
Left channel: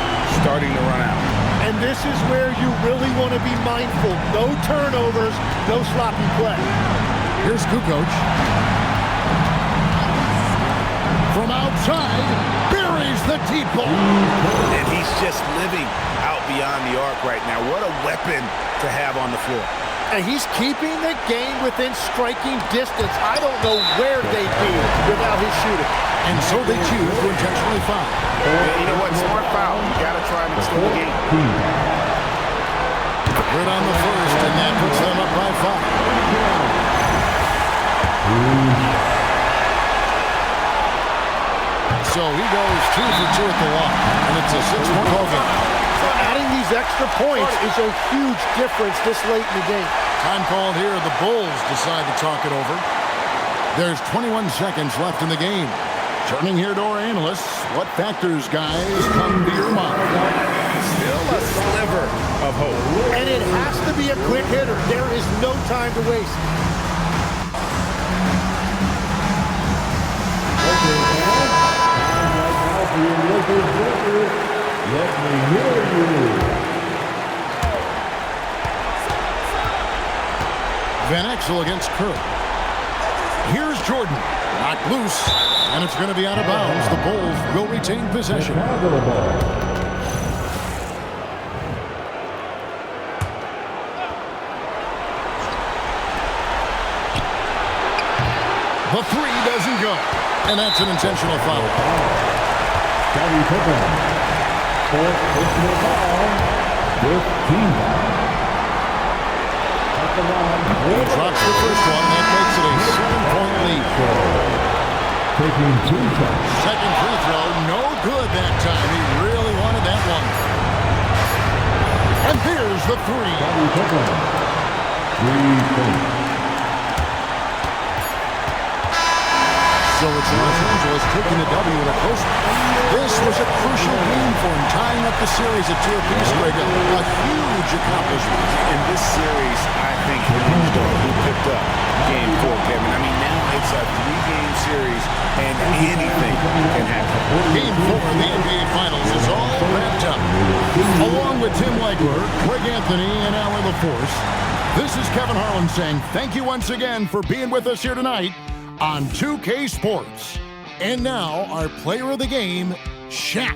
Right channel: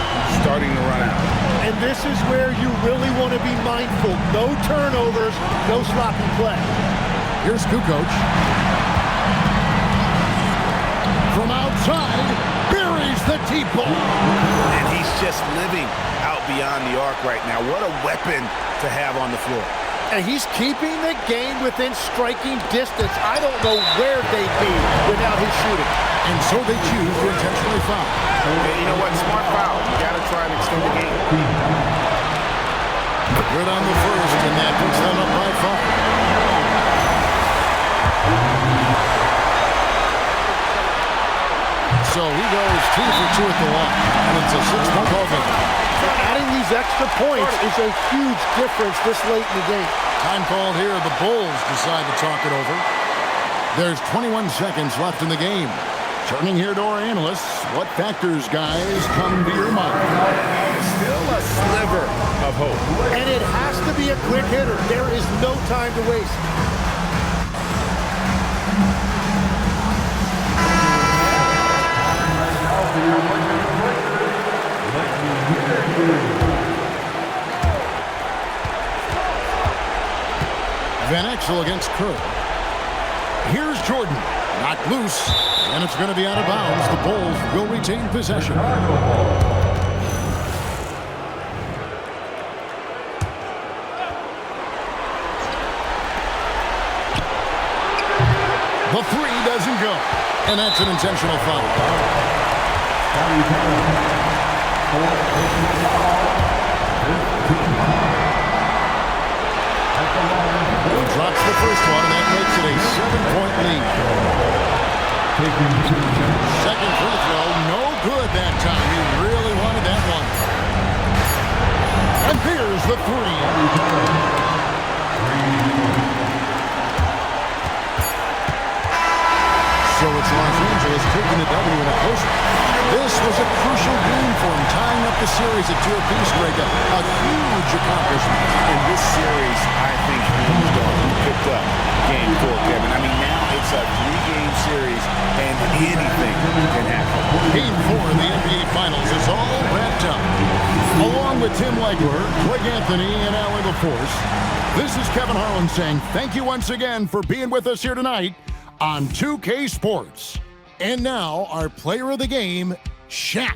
starting to run out. And this is where you really want to be mindful. No turnovers, no sloppy play. Here's Kukoc. From outside, buries the deep ball. And he's just living out beyond the arc right now. What a weapon to have on the floor. And he's keeping the game within striking distance. I don't know where they'd be without his shooting. And so they choose to intentionally foul. And you know what? Smart foul. You got to try and extend the game. Good on the first, and that puts them up by 5. So he goes 2 for 2 at the line, and it's a 6-point ball game. Adding these extra points is a huge difference this late in the game. Time called here. The Bulls decide to talk it over. There's 21 seconds left in the game. Turning here to our analysts, what factors, guys, come to your mind? Still a sliver of hope. And it has to be a quick hitter. There is no time to waste. Let me hear you. Van Exel against Kerr. Here's Jordan. Knocked loose, and it's going to be out of bounds. The Bulls will retain possession. The three doesn't go, and that's an intentional foul. Scottie Pippen, fourth personal foul, 15 foul. At the line, He drops the first one, and that makes it a 7-point lead. taking 2 shots. Second free throw, no good that time. He really wanted that one. And there's the three. Scottie Pippen, 3-point. So it's Los Angeles taking the W in a close one. This was a crucial game for him, tying up the series at 2 apiece, Greg. A huge accomplishment. In this series, I think hinged on who picked up Game 4, Kevin. I mean, now it's a 3-game series, and anything can happen. Game 4 of the NBA Finals is all wrapped up. Along with Tim Legler, Greg Anthony, and Allie LaForce, this is Kevin Harlan saying thank you once again for being with us here tonight on 2K Sports. And now, our player of the game, Shaq.